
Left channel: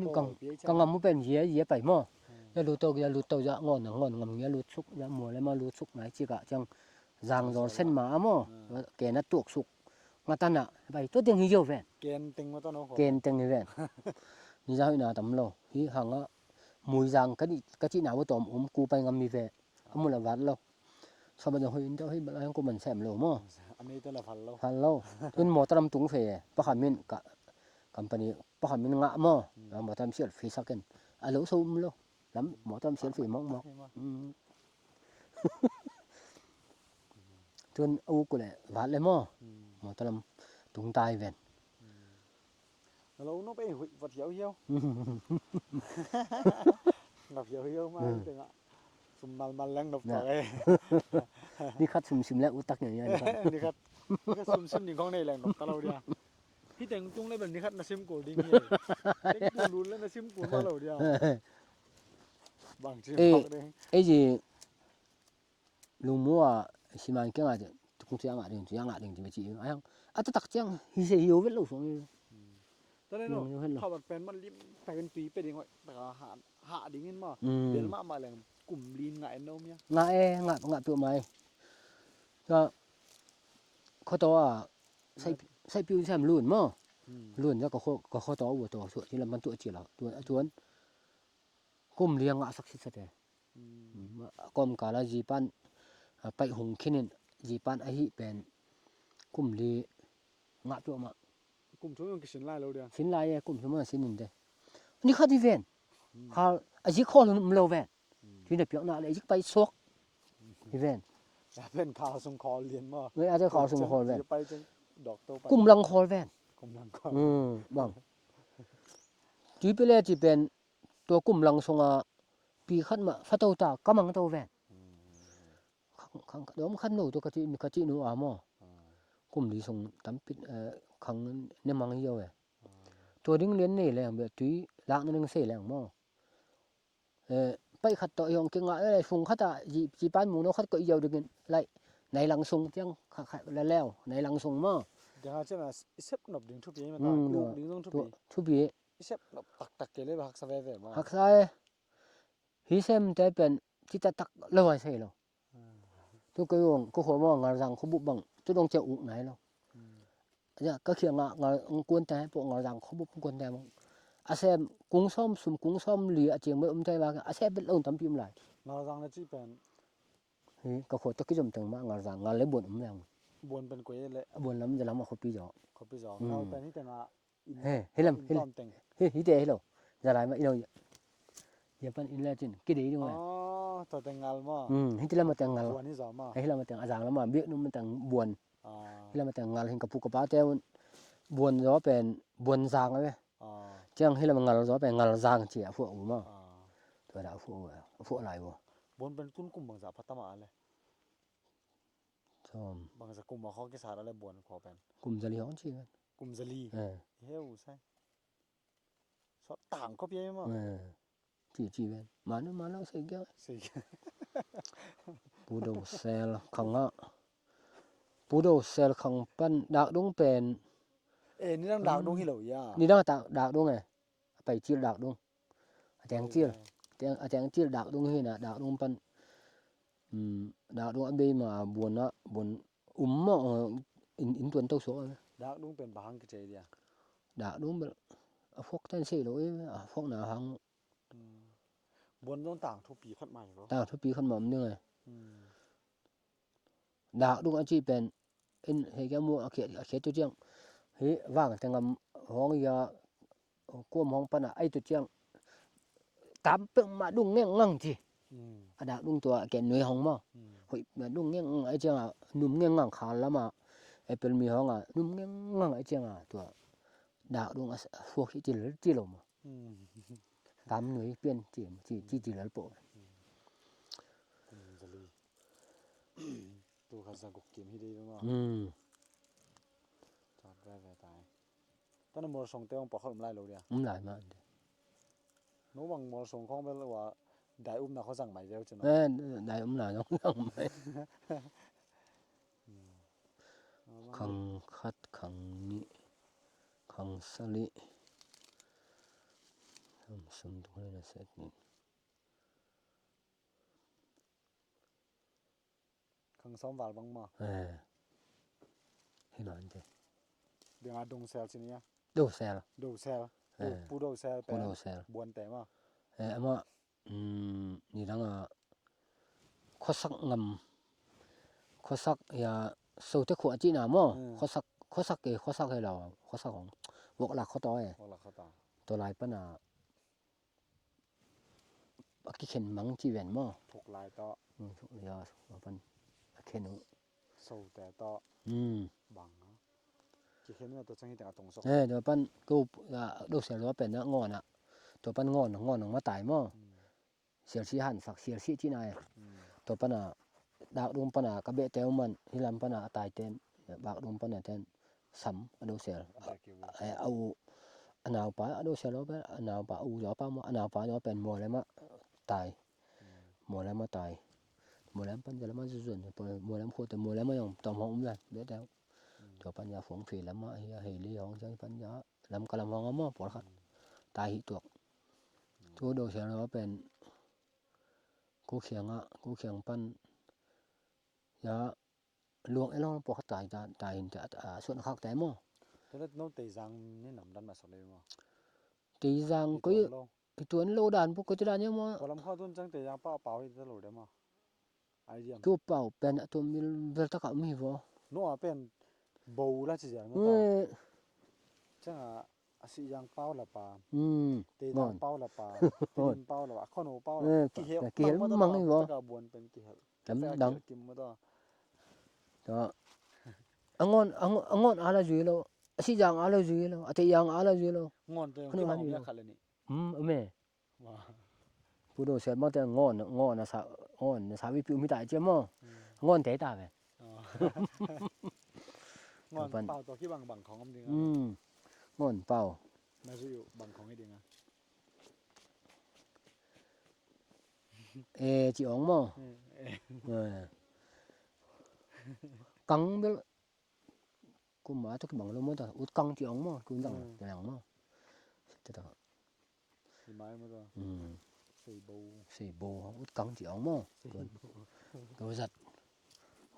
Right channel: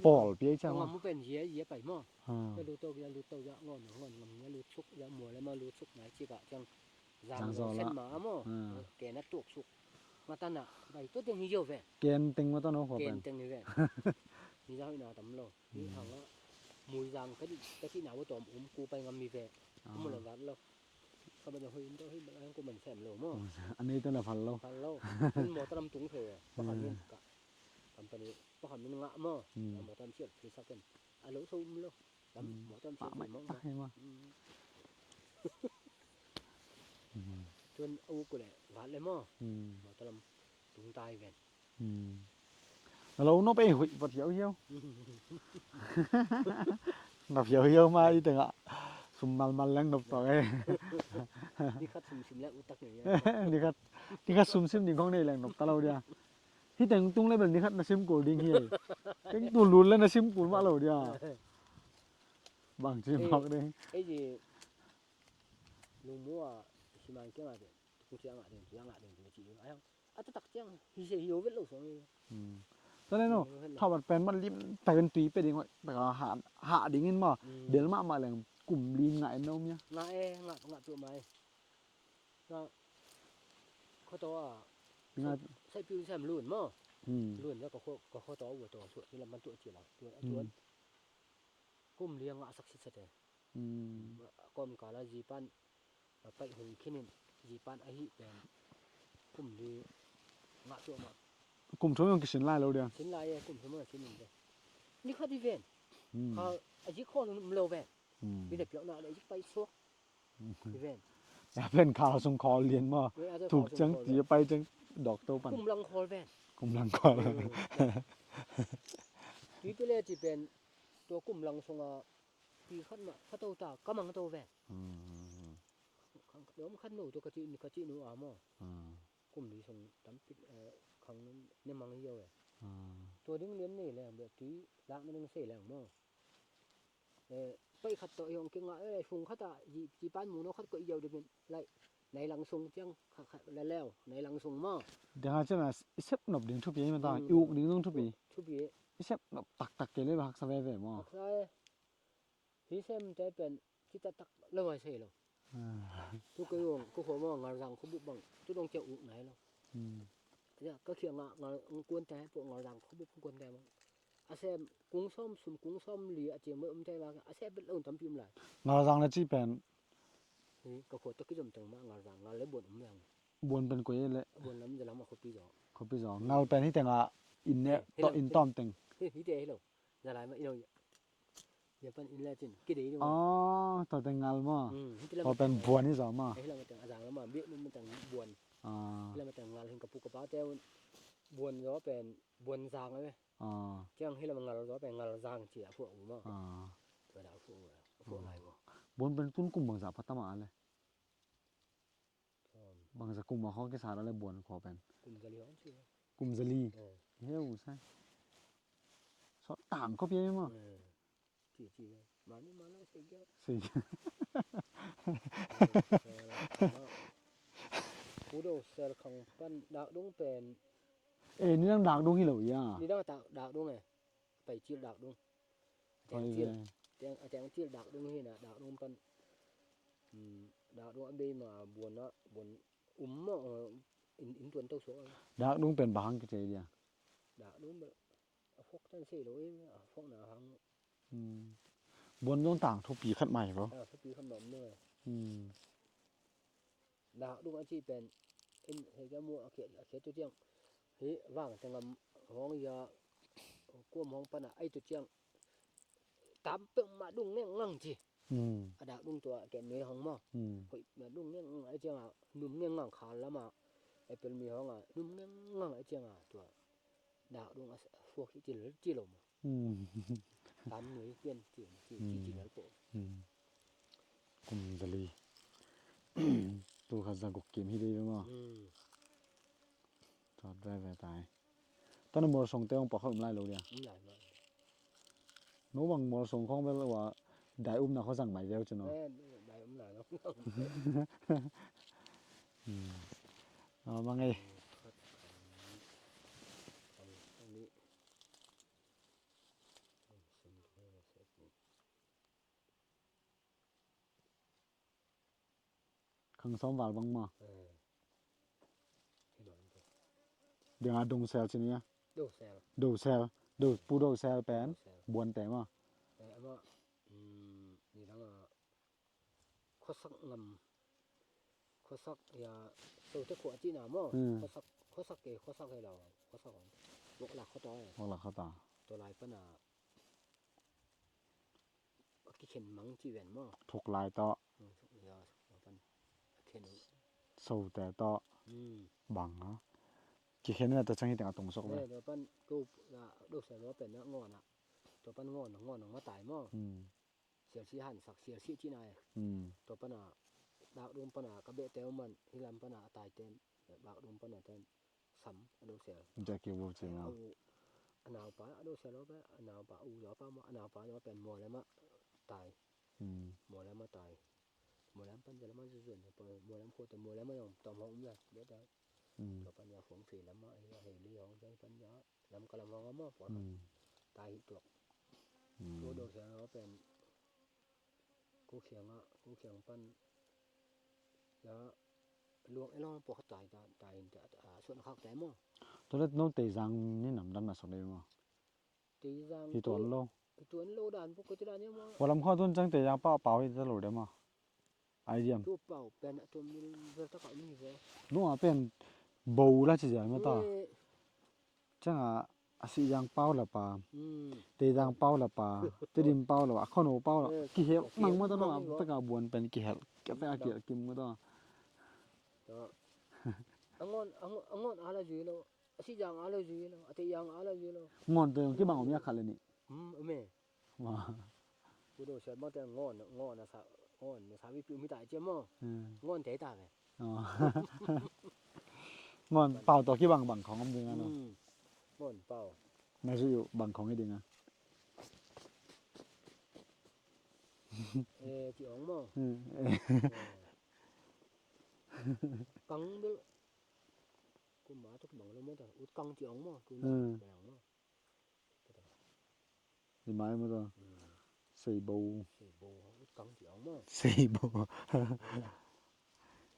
โป้ก็งำมันเป็นเหี้ยไปมั้งแล้วรู้ตัวจะงอนงำเงี้ยรู้สุกจะมัวแล้วมารู้สุกไหนจิกะจังจางรอเส้นหมามั้งแกน่ะตุกสุกมาตันน่ะไปตัวเต็งเหี่ยวแฟนแกนเต็งมาตอนนั้นแกนเต็งแฟนนี่จะให้น่าตำโลที่หังอ่ะมวยจางก็ที่หนาวตอมกูไปงำมีแฟนมันละวัดโลชอบมันจะเฮ้ยเจ้าเฮ้ยอะไรของกูมันแซมโลมั้งอันนี้ตัวละพันโลเป็นหมอตรำตุงเฟปะขันมินกะกัมปานีปะขันมินงะมั้งแล้วหมอตรำเสียดฟีสักกันอะโลซูมโลแล้วหมอตรำเสียดฟีมั้งจนเอากูเลยวัดเลยมั้งหมอตรำตุงตายแวนเราโน้ไปหุ่ยปวดเหี่ยวหนับเหี่ยวมาอีตึงอ่ะสุ่มมันแรงดบต่อเลยนี่คัดสุ่มแล้วอุตักอย่างเงี้ยนี่คัดสุ่มนี่ของในแรงดบตะเราเดียที่แต่งตุ้งเลยแบบนี้คัดนาซิมโกลดิ้งเลยดูรุนแล้วนาซิมโกลมาเราเดียบางทีไอ้จีลุงมัวสิมันเกี่ยงอะไรทุกอย่างอะไรจะไม่จีบไอ้ยังอ่ะตักเจียงฮิเซโยเวลล์ส่งตอนนั้นเนาะถ้าบัดเป็นมันริมไปเป็นตุยไปเองว่าแต่หาดิ่งเงินมาเดี๋ยวมาแรงกลุ่มลีนไหนเนาะเนี่ยงะตัวไม้ก็เขาตัวใส่ปิ้วแซมลุ่นมั้งลุ่นแล้วก็เขาตัวหัวตัวส่วนที่มันตัวจีเราตัวกลุ่มเลี้ยงสักสิสักแต่กลุ่มกาลาจีปันไปหงขี้นินจีปันไอ้ที่เป็นกลุ่มลีงะตัวมากลุ่มทุ่งยังกินสินไล่เราเดียวสินไล่กลุ่มทุ่งมันสินนินเด้นี่เขาที่เวนเขาไอ้ที่ข้อมันเราเวนที่เด็กเปียกหน้าเลยที่ไปซอกที่เวนอย่าเป็นข่าวส่งคอเรียนมาอาจจะข่าวส่งคอเวนจะไปจังดอกโตไปกลุ่มลังคอเวนกลุ่มลังคอจีไปเลยจีเป็นตัวกลุ่มลังส่งปีขั้นมาฟัตโตตากำลังโตเวนเดี๋ยวมันขั้นโนตัวกะจิโนอาโมกลุ่มที่ส่งตั้มปิดขังเนี่ยมังเหี่ยวตัวดิ้งเลี้ยนนี่แหละแบบตุยล้างนึงเสียแหละมั้งไปขัดต่อยองเก่งอ่ะฟุงขัดอ่ะจีปานหมูเนาะขัดก็เหี่ยวดึงไล่ในหลังทรงจังแล้วในหลังทรงมั้งเดี๋ยวจะมาเซฟหนบดึงทุบปีมันตายยุดึงต้องทุบปี Isep tak ke le hak save ve ma. hak sai hi sem te pen ti ta tak loi sai lo tu ko yong ko ho mo ngal rang ko bu bang tu dong che u nai lo ya ka khiang ngal kuan te po ngal rang ko bu kuan te mong a sem kung som li a cheng me te ba a sem bet long tam pim lai Ngal rang na chi pen hi ka kho to ki jom teng ma ngal rang ngal le bon yang buon pen ko ye le bon lam ja lam ko pi jo ko pi zo ngal pen hi tenga in ne in tom teng. hi te hi lo ja lai ma i lo ya pan in la chin ki di dong To teng ngal ma. hi ti la ma teng ngal buon ni zo ma. hi la ma teng a jang la ma be nu ma teng buon แล้วมาแต่งงานเห็นกับผู้กับป้าแต่บวนจ้อเป็นบวนจางเลยจังให้เรางานจ้อเป็นงานจางเจียพวกอูมาตัวดาวพวกอะไรวะ Buon pen kun kum bang za patama le. ชอม Bang za kum ma kho ke sara le buon kho pen. กลุ่มจะเลี้ยงชี Kum zali. Heu sai. So tang ko pye ma. จีเวนมาแล้วเสียแก้ว Sei. ปูโดเซลขังอ่ะปูโดเซลขังปั้นดากดงเป็น Ni nang dak dong hi lo ya. นี่ดังดากดงไงไปจีดากดงแจงจีแจงจีดากดงให้นะดากดงปั้นดากดงอเบมาบวนนะบวนมาอินตวนเต้าโซ Dak dong pen bahang ke che dia. ดากดงพวกท่านสิโลพวกหนาหัง Buon dong tang thu pi khat mai bo. ตาทุปีขึ้นมามันยังไงดากดงอาจีเป็นเฮแกมัวเขียตัวเจียงเฮว่างแต่งห้องยากวมห้องปนะไอตัวเจียงตามเปิงมาดุงเงี้ยงังจีดากดงตัวแกหน่วยห้องมาหอยมาดุงเงี้ยไอเจียงนุ่มเงี้ยงังขาแล้วมาไอเป็นมีห้องนุ่มเงี้ยงังไอเจียงตัวดากดงพวกที่จีลมตามหน่วยเปลี่ยนจีแล้วโป Kum zali. Tu kha za gok kim hi de ma. To dra ve tai. Ta no mor song te ong pa khom lai lo dia. หลายมาก No bang mor song khong be lo wa dai na kho sang mai veo chu no. ได้หลายน้องไป Ma ขั ngai. งคัดขังสลิสมดุลเสร็จนี่ Khang som wal bang ma. ให้หน่อยเด้ De nga dong sel chi nia. ดูเซล Do sel. Do pu do sel ปู pen. ดูเซล Buon te ma. มานี่ดังข้อสักงำข้อสักอย่าสูตรขวดจีน่ะมั้งข้อสักให้เราข้อสักของวกหลักข้อต่อ Wala la kha ta. ตัวลายปัญหากิเข็นมังจีเวนมั้ง Thok lai to. ทุกอย่างปัญเข็น So te to. Bang ha. Ki khen na ta chang hi ta tong so. เดี๋ยวปันกูดูเสียว่าเป็นงอนตัวปันงอนมาตายมั้งเสียชีหันสักเสียชีที่ไหนตัวปันดาวดวงปันกระเบะเต้ามันที่ลำปันตายเต็มบากดวงปันเต็มซ้ำดูเสีย Ta ki wo. เอาหนาวป้าดูเสียแล้วหนาวป้าจ่อป้ามาหนาวป้าจ่อเป็นมัวแล้วมาตายมัวแล้วมาตายมัวแล้วปันจะแล้วมาส่วนมัวแล้วโคตรมัวแล้วมาอย่างตอมห้องเลยเบ็ดแล้วตัวปัญญาฝงฝีแล้วมาเฮลีของใจปัญญาลำกะลำห้องมาปวดขัดตายหิตัวตัวดูเสียแล้วเป็นกูเขียงปันยาลวงไอ้ล่องปวดตายเห็นแต่ส่วนข้างแต่มั้ง To let no te jang ni nam dan na so de ma. ตีจังก็ตัวนั้นโลดานพวกก็จะได้เนี่ยมั้ง Walam kho tun chang te jang pa pa hi ta lo de ma. Ai diam. ตัวเปล่าเป็นตัวมีเวลตะกับมีบ่ No a pen bo la chi ja ma ta. Chang a si jang pau la pa. Te jang pau la pa. Te dim pau la kho no pau la. Ki he mang ma ta ka buon pen ki hel. Kam da kim ma da. ก็angon ala juilo si jang ala juilo ate yang ala juilo Ngon te ki ma ya khale ni. me Ma. pu do se ma te ngon na sa wi pi mi tai che mo ngon te ta be Ngon pau to ki bang khong am ding a. ngon pao Na ju bang khong hi ding a. chi ong mo căng bel ku ma to ki bang lo mo ta ut căng chi ong mo ku na yang mo te ta Thì mai mới rồi. Xây bầu. Xây bầu út căng chỉ ống mà. Xây bầu. Tôi giật.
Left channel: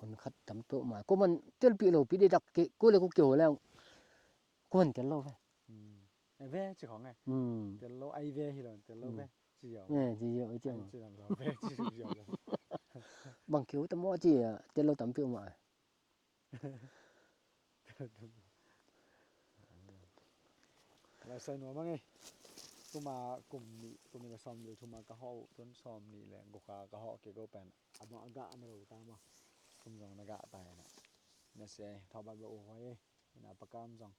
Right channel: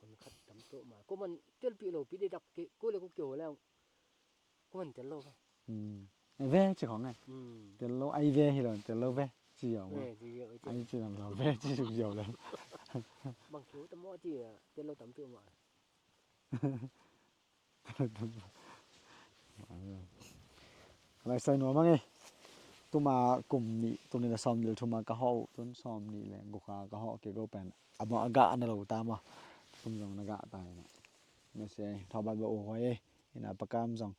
Con khát tắm tổ mà. Cô mình tiêu bị lầu bị đi đặc cái cô lại cô kiểu là cô mình tiền lâu vậy. Ve chứ không này. Tiền lâu ai ve thì là tiền lâu ve. Chỉ hiểu. Nè gì vậy chứ. Ai chỉ làm lâu ve chỉ được hiểu lắm. Bằng kiểu tắm mỏ chỉ tiền lâu tắm tiêu mà. Lại xây nó mà nghe. Tôi mà cùng nị tôi nên là xóm nhiều tôi mà cả họ tôi xóm nị là gục cả họ cái câu bèn mà gạ nó là ta mà không rằng nó gạ tài nó sẽ thao bài bộ hoài là bạc cam rằng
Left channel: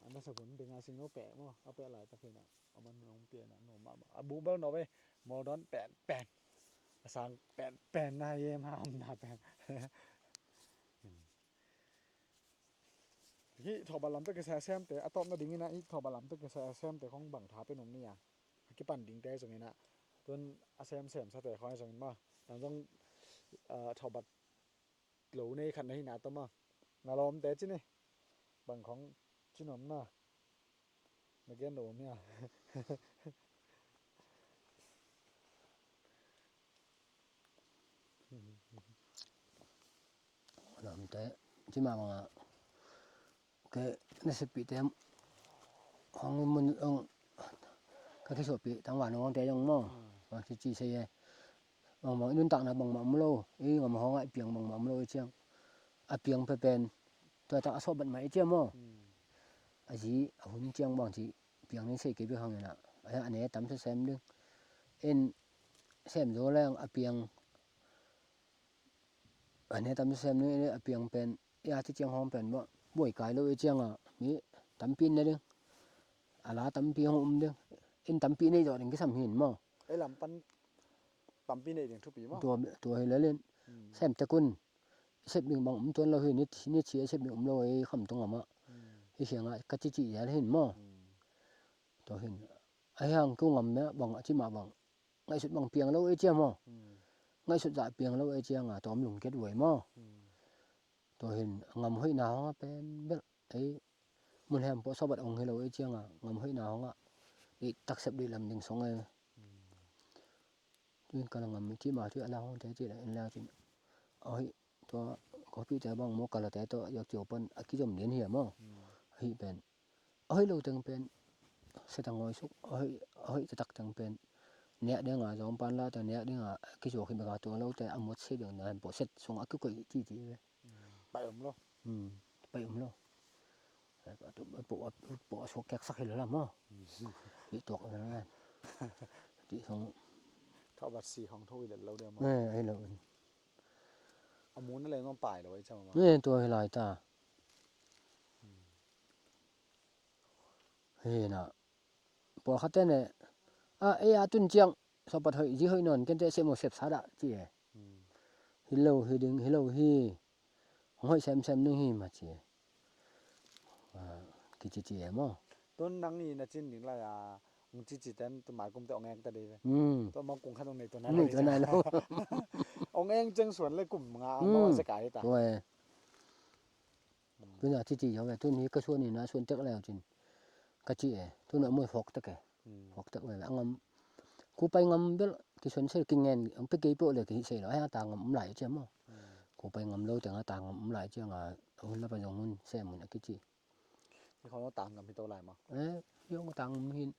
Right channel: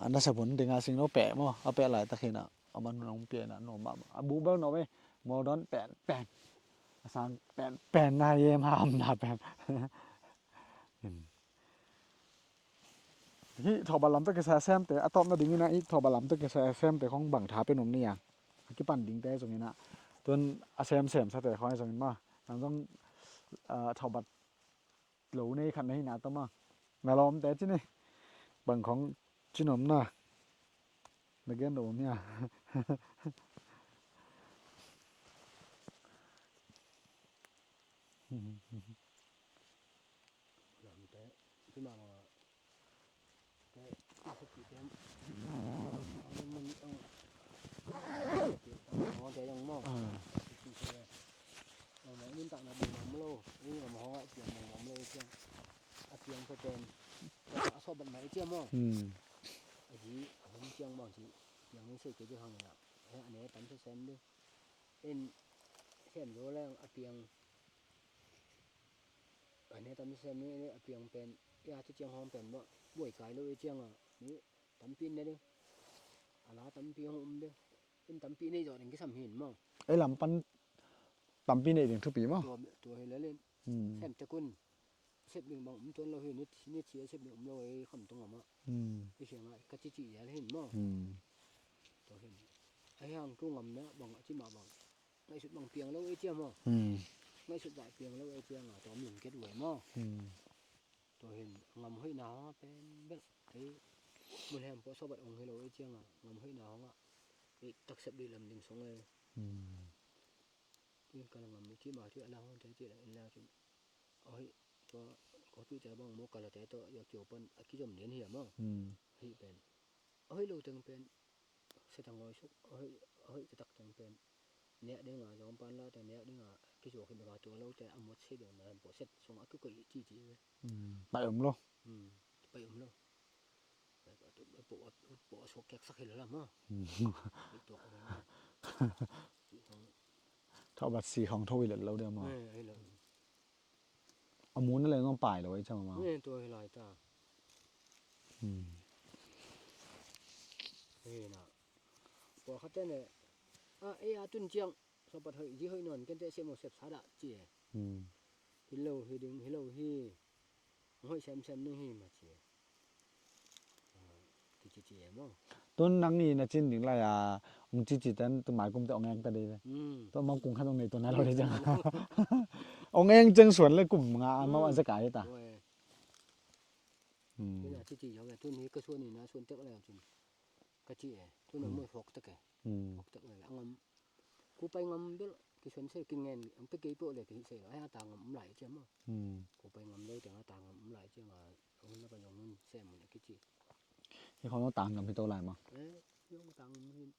anh đã sabun dengan sing nó pẹ mà pẹ lại ta khi nào mình nông pẹ là nó mà bú bơ nó về mò đón pẹn sang pẹn này em ham là pẹnที่ทอบาลัมตะกะแซมแต่อะตอมนะดิงนะอีทอบาลัมตะกะแซมแต่ของบังทาเป็นนมเนี่ยที่ปั่นดิงแต่ตรงนี้นะต้นอะแซมซะแต่ของตรงนี้มาต้องทอบัดโหลในคันนี้นะตอมาแม่ล้อมแต่จินี่บังของจินมนะนักเรียนโดเนี่ย Làm thế chứ mà cái nó sẽ bị tem không mình ông cái số bị thằng bạn nó té trong mỏ và cái chi xây bằng mọi nguyên tặng là bằng mắm lô ý mà họ ngại pieng bằng mắm lô chiang à pieng phải bền cho tạo số bận máy chiang mỏ à gì hôm chiang bằng chỉ pieng nên xây cái việc hàng này nè anh ấy tắm cho xem đi em xem rồi là à pieng anh ấy tắm cho xem đi à pieng bền yaที่เจียงห้องเป็นบ่บ่อยกายเลยเจียงมีตำปีนได้เด้ออะลาตำปีห้องเด้ออินตำปีนี่จอดถึงกี่สำหินบ่ ไอ้ลำปันตำปีนี่เองทุกปีมั้ง ตัวให้เล่นแซมตะกุนเสพหนึ่งบางตัวเราเห็นนี่เชียเสพหนึ่งเราไอ้คำตรงอ่ะมะไอ้เสียงอ่ะกะจิจิอย่าเห็นบ่ตัวเห็นไอ้ห่างกูงำเนี่ยบางที่มาบางไงสุดบางเปียงแล้วไอ้เจียงบ่ไงสุดจ่าเปียงแล้วไอ้เจียงอ่ะตอมหลุมเก็ดหวยบ่ตัวเห็นงำห้อยหนาวเป็นแบบไอ้มันแฮมพอสบัดองให้เราไอ้เจียงอ่ะงำห้อยหนาวอ่ะนี่ตักเสพดีลำหนึ่งสองไงนี่กำลังงำที่มาที่อะไรห้องแต่ที่ไหนแล้วจริงเอ้ยตัวขอพี่แต่บางมกละแต่ตัวอยากเจียวเปิ้นอะคิจมเรียนเหี่ยมั้งเฮ้ยเป็นเอ้ยเราจังเป็นเสตังงอยสุกเอ้ยจะตักจังเป็นเนี่ยเด้งอ่ะจอมปันละแต่เนี่ยเด้งอ่ะคิโจขึ้นไปกับตัวเราแต่อหมดเสียอย่างนั้นบ่เสร็จส่งอะก็จี้ไปluôn ไปแล้วปวดสกแกกสักให้แล้วมั้งนี่ตกแล้วนะที่ส่ง เท่าบัดสีของทวิลเราเดียวมั้ง ให้เรา เอามูนนั่นเลยต้องป่ายเลยจังมา นี่ตัวให้ลายตาเฮ้น่ะปอคัดแต่เนี่ยไอ้อาตุนเจียงสอบปะเถยสิเฮยนอนกันแต่เสมอเสพซาดะจิฮิโลฮิดึงฮิโลฮิห้อยแซมนึงฮิมาจิกิจิมั้ง ต้นนังนี่นะจินถึงไรองจิจิตันตัวหมายกุมแต่องแองแต่เดียวตัวมองกุมขั้นตรงนี้ตัวนั้นเลยจ้ะองแองจังสวนเลยกลุ่มงามาวันสกายตาโอ้ยตัวน่ะจิเอาไว้ตัวนี้ก็ส่วนนี้นะส่วนตึกแล้วจิกะจิตัวน่ะมื้อฟอกตึกฟอกตึกไว้งำกูไปงำเด้อที่สวนเสกินเงินอันไปเกยโปเลยก็สิแล้วให้ตางำหลายเจ้ามั้งกูไปงำโลแต่งตางำหลายเจ้าเอาแล้วไปยงมันแซ่มันกิจิที่เขาต้องต่างกับพี่โตหลายมั้งยงต่างหิน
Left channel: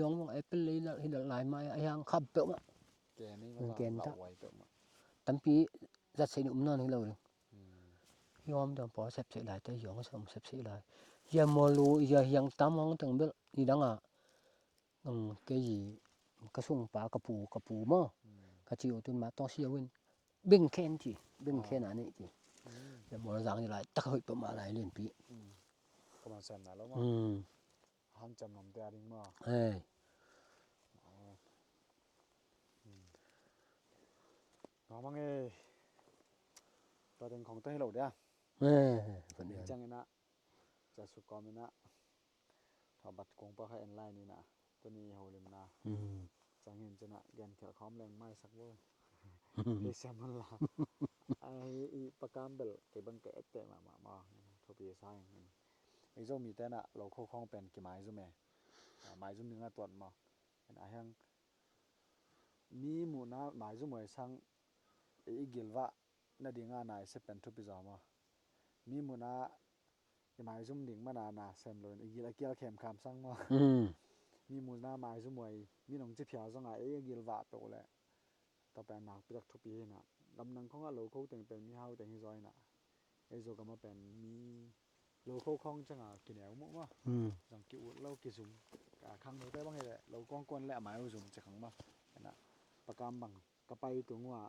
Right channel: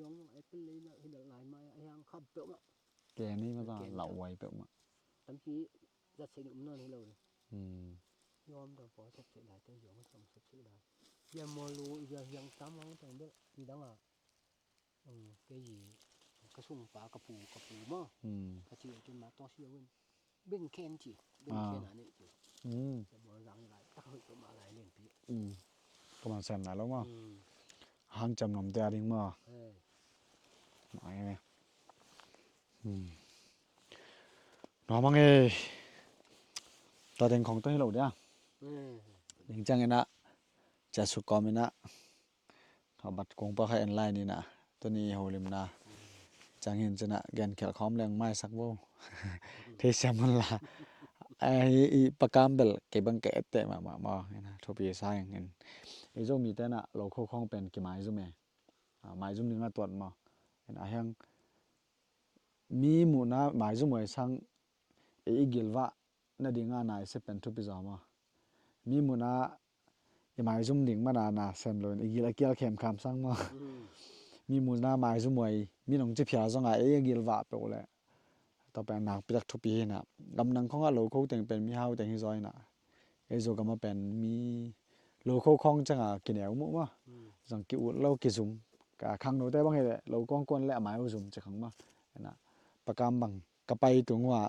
ยงไอ้เป็นเลยละหินหลายไม้ไอ้ยังขับเปะมะแกนี่มันเหล่าไว้เปะมะตั้งปีจัดใส่หนุ่มนอนให้เรายอมตอนพอเสพเสียหลายแต่ยงก็สมเสพเสียหลายอย่ามอลูอย่ายังตามห้องถึงเบลนี่ดังเกยีกระสุงปลากระปูมอกระจิวตุนมาต้องเสียเว้นเบ่งแค้นจีเบ่งแค้นอันนี้จีอย่ามอสังหลายตักเฮยประมาณหลายเล่นปีประมาณแสนหลายแล้วมั้งห้างจำนำแต่ดิ้งมั้งหน่อยไหมน้องมั้งตัวเด่นของตัวให้เราเนี่ยจังไงนะจะสุกอมินะเขาบัดกงปะไข่ออนไลน์นี่นะตัวนี้โหลิมนะจังเห็นจะนะแกนแขลค้อมแรงไม้สักโบเทเซมันละไอ้ปากกามเบลเก็บบังเกตเตะมานะทบีซ่าอย่างเงี้ยไอ้โจมีแต่น่ะเราโคข้องเป็นกี่ไม้ซุแม่ไม้ซุนึงอ่ะตรวจมาไอ้ na hang mi mu na mai zu moi sang e igilwa na dinga na se pen thu pizama mi mu na e mai zum ding ma na sem lo igil akial khem kham sang ma mi mu na mai zu moi mi nong chi phya zonga e igilwa pe le ta pa nak piak thu pi na gam nang khong a lo kho teng pen mi hau teng hi zoi na e zo gam pen mi lo kho khong changa kineu mu ma jang ki u lo ki zum ka khang no te bang he lo kong kon le mai u zum che khang ma na pakam bang ka pai tungwa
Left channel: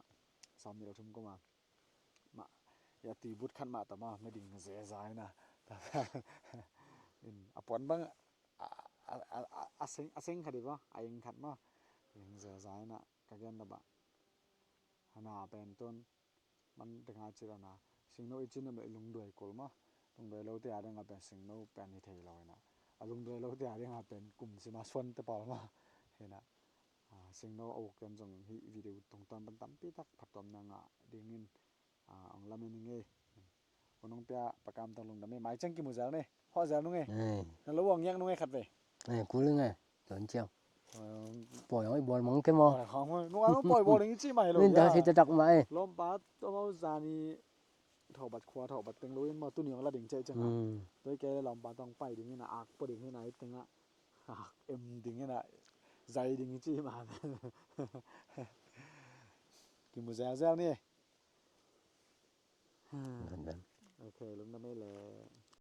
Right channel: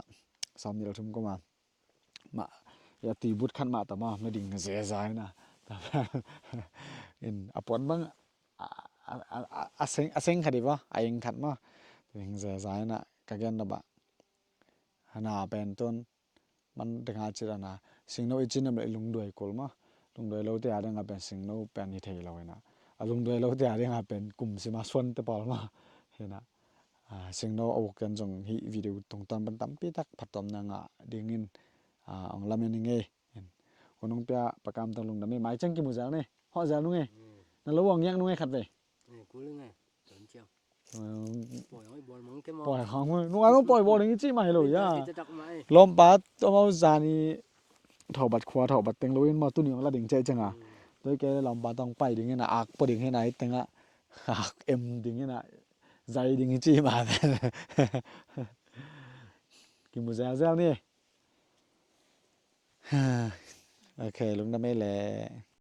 sam ni lo thum ko ma ya ti but khan ma ta ma me ding ze zai na in apon bang aseng khadi ba aing khat ma ding ze zai na ka gen da ba hana pen ton man denga chira na singno ichin am lung doi kol ma lung doi lo te a dang pen singno pen ni thei lo na alung doi lo te a dang pen kum si ma swan te pal ma he na singno awok kan jong hi video tong tam ban tam pi tak phatom na nga dingin ong lamen nge konong pya pakam tang lung da me mai chang ki mu jang ne ho ja nu nge na lo wong yang nu nge khat ve cú lưng này chuẩn chiều bỏ nói bỏ mong cái mò poi hong nu ai mo poi bo ding chi mai lo nên ya ta thì đặt mãi lom pa to mo za ni thau bat khwa thau bat teng lo in ma tu ni la ding che changa toi ke lom pa tong pai ding na ak po ding he nai teng a ak em ding na zai ding chi ma ki mu za za ni okay lung da me le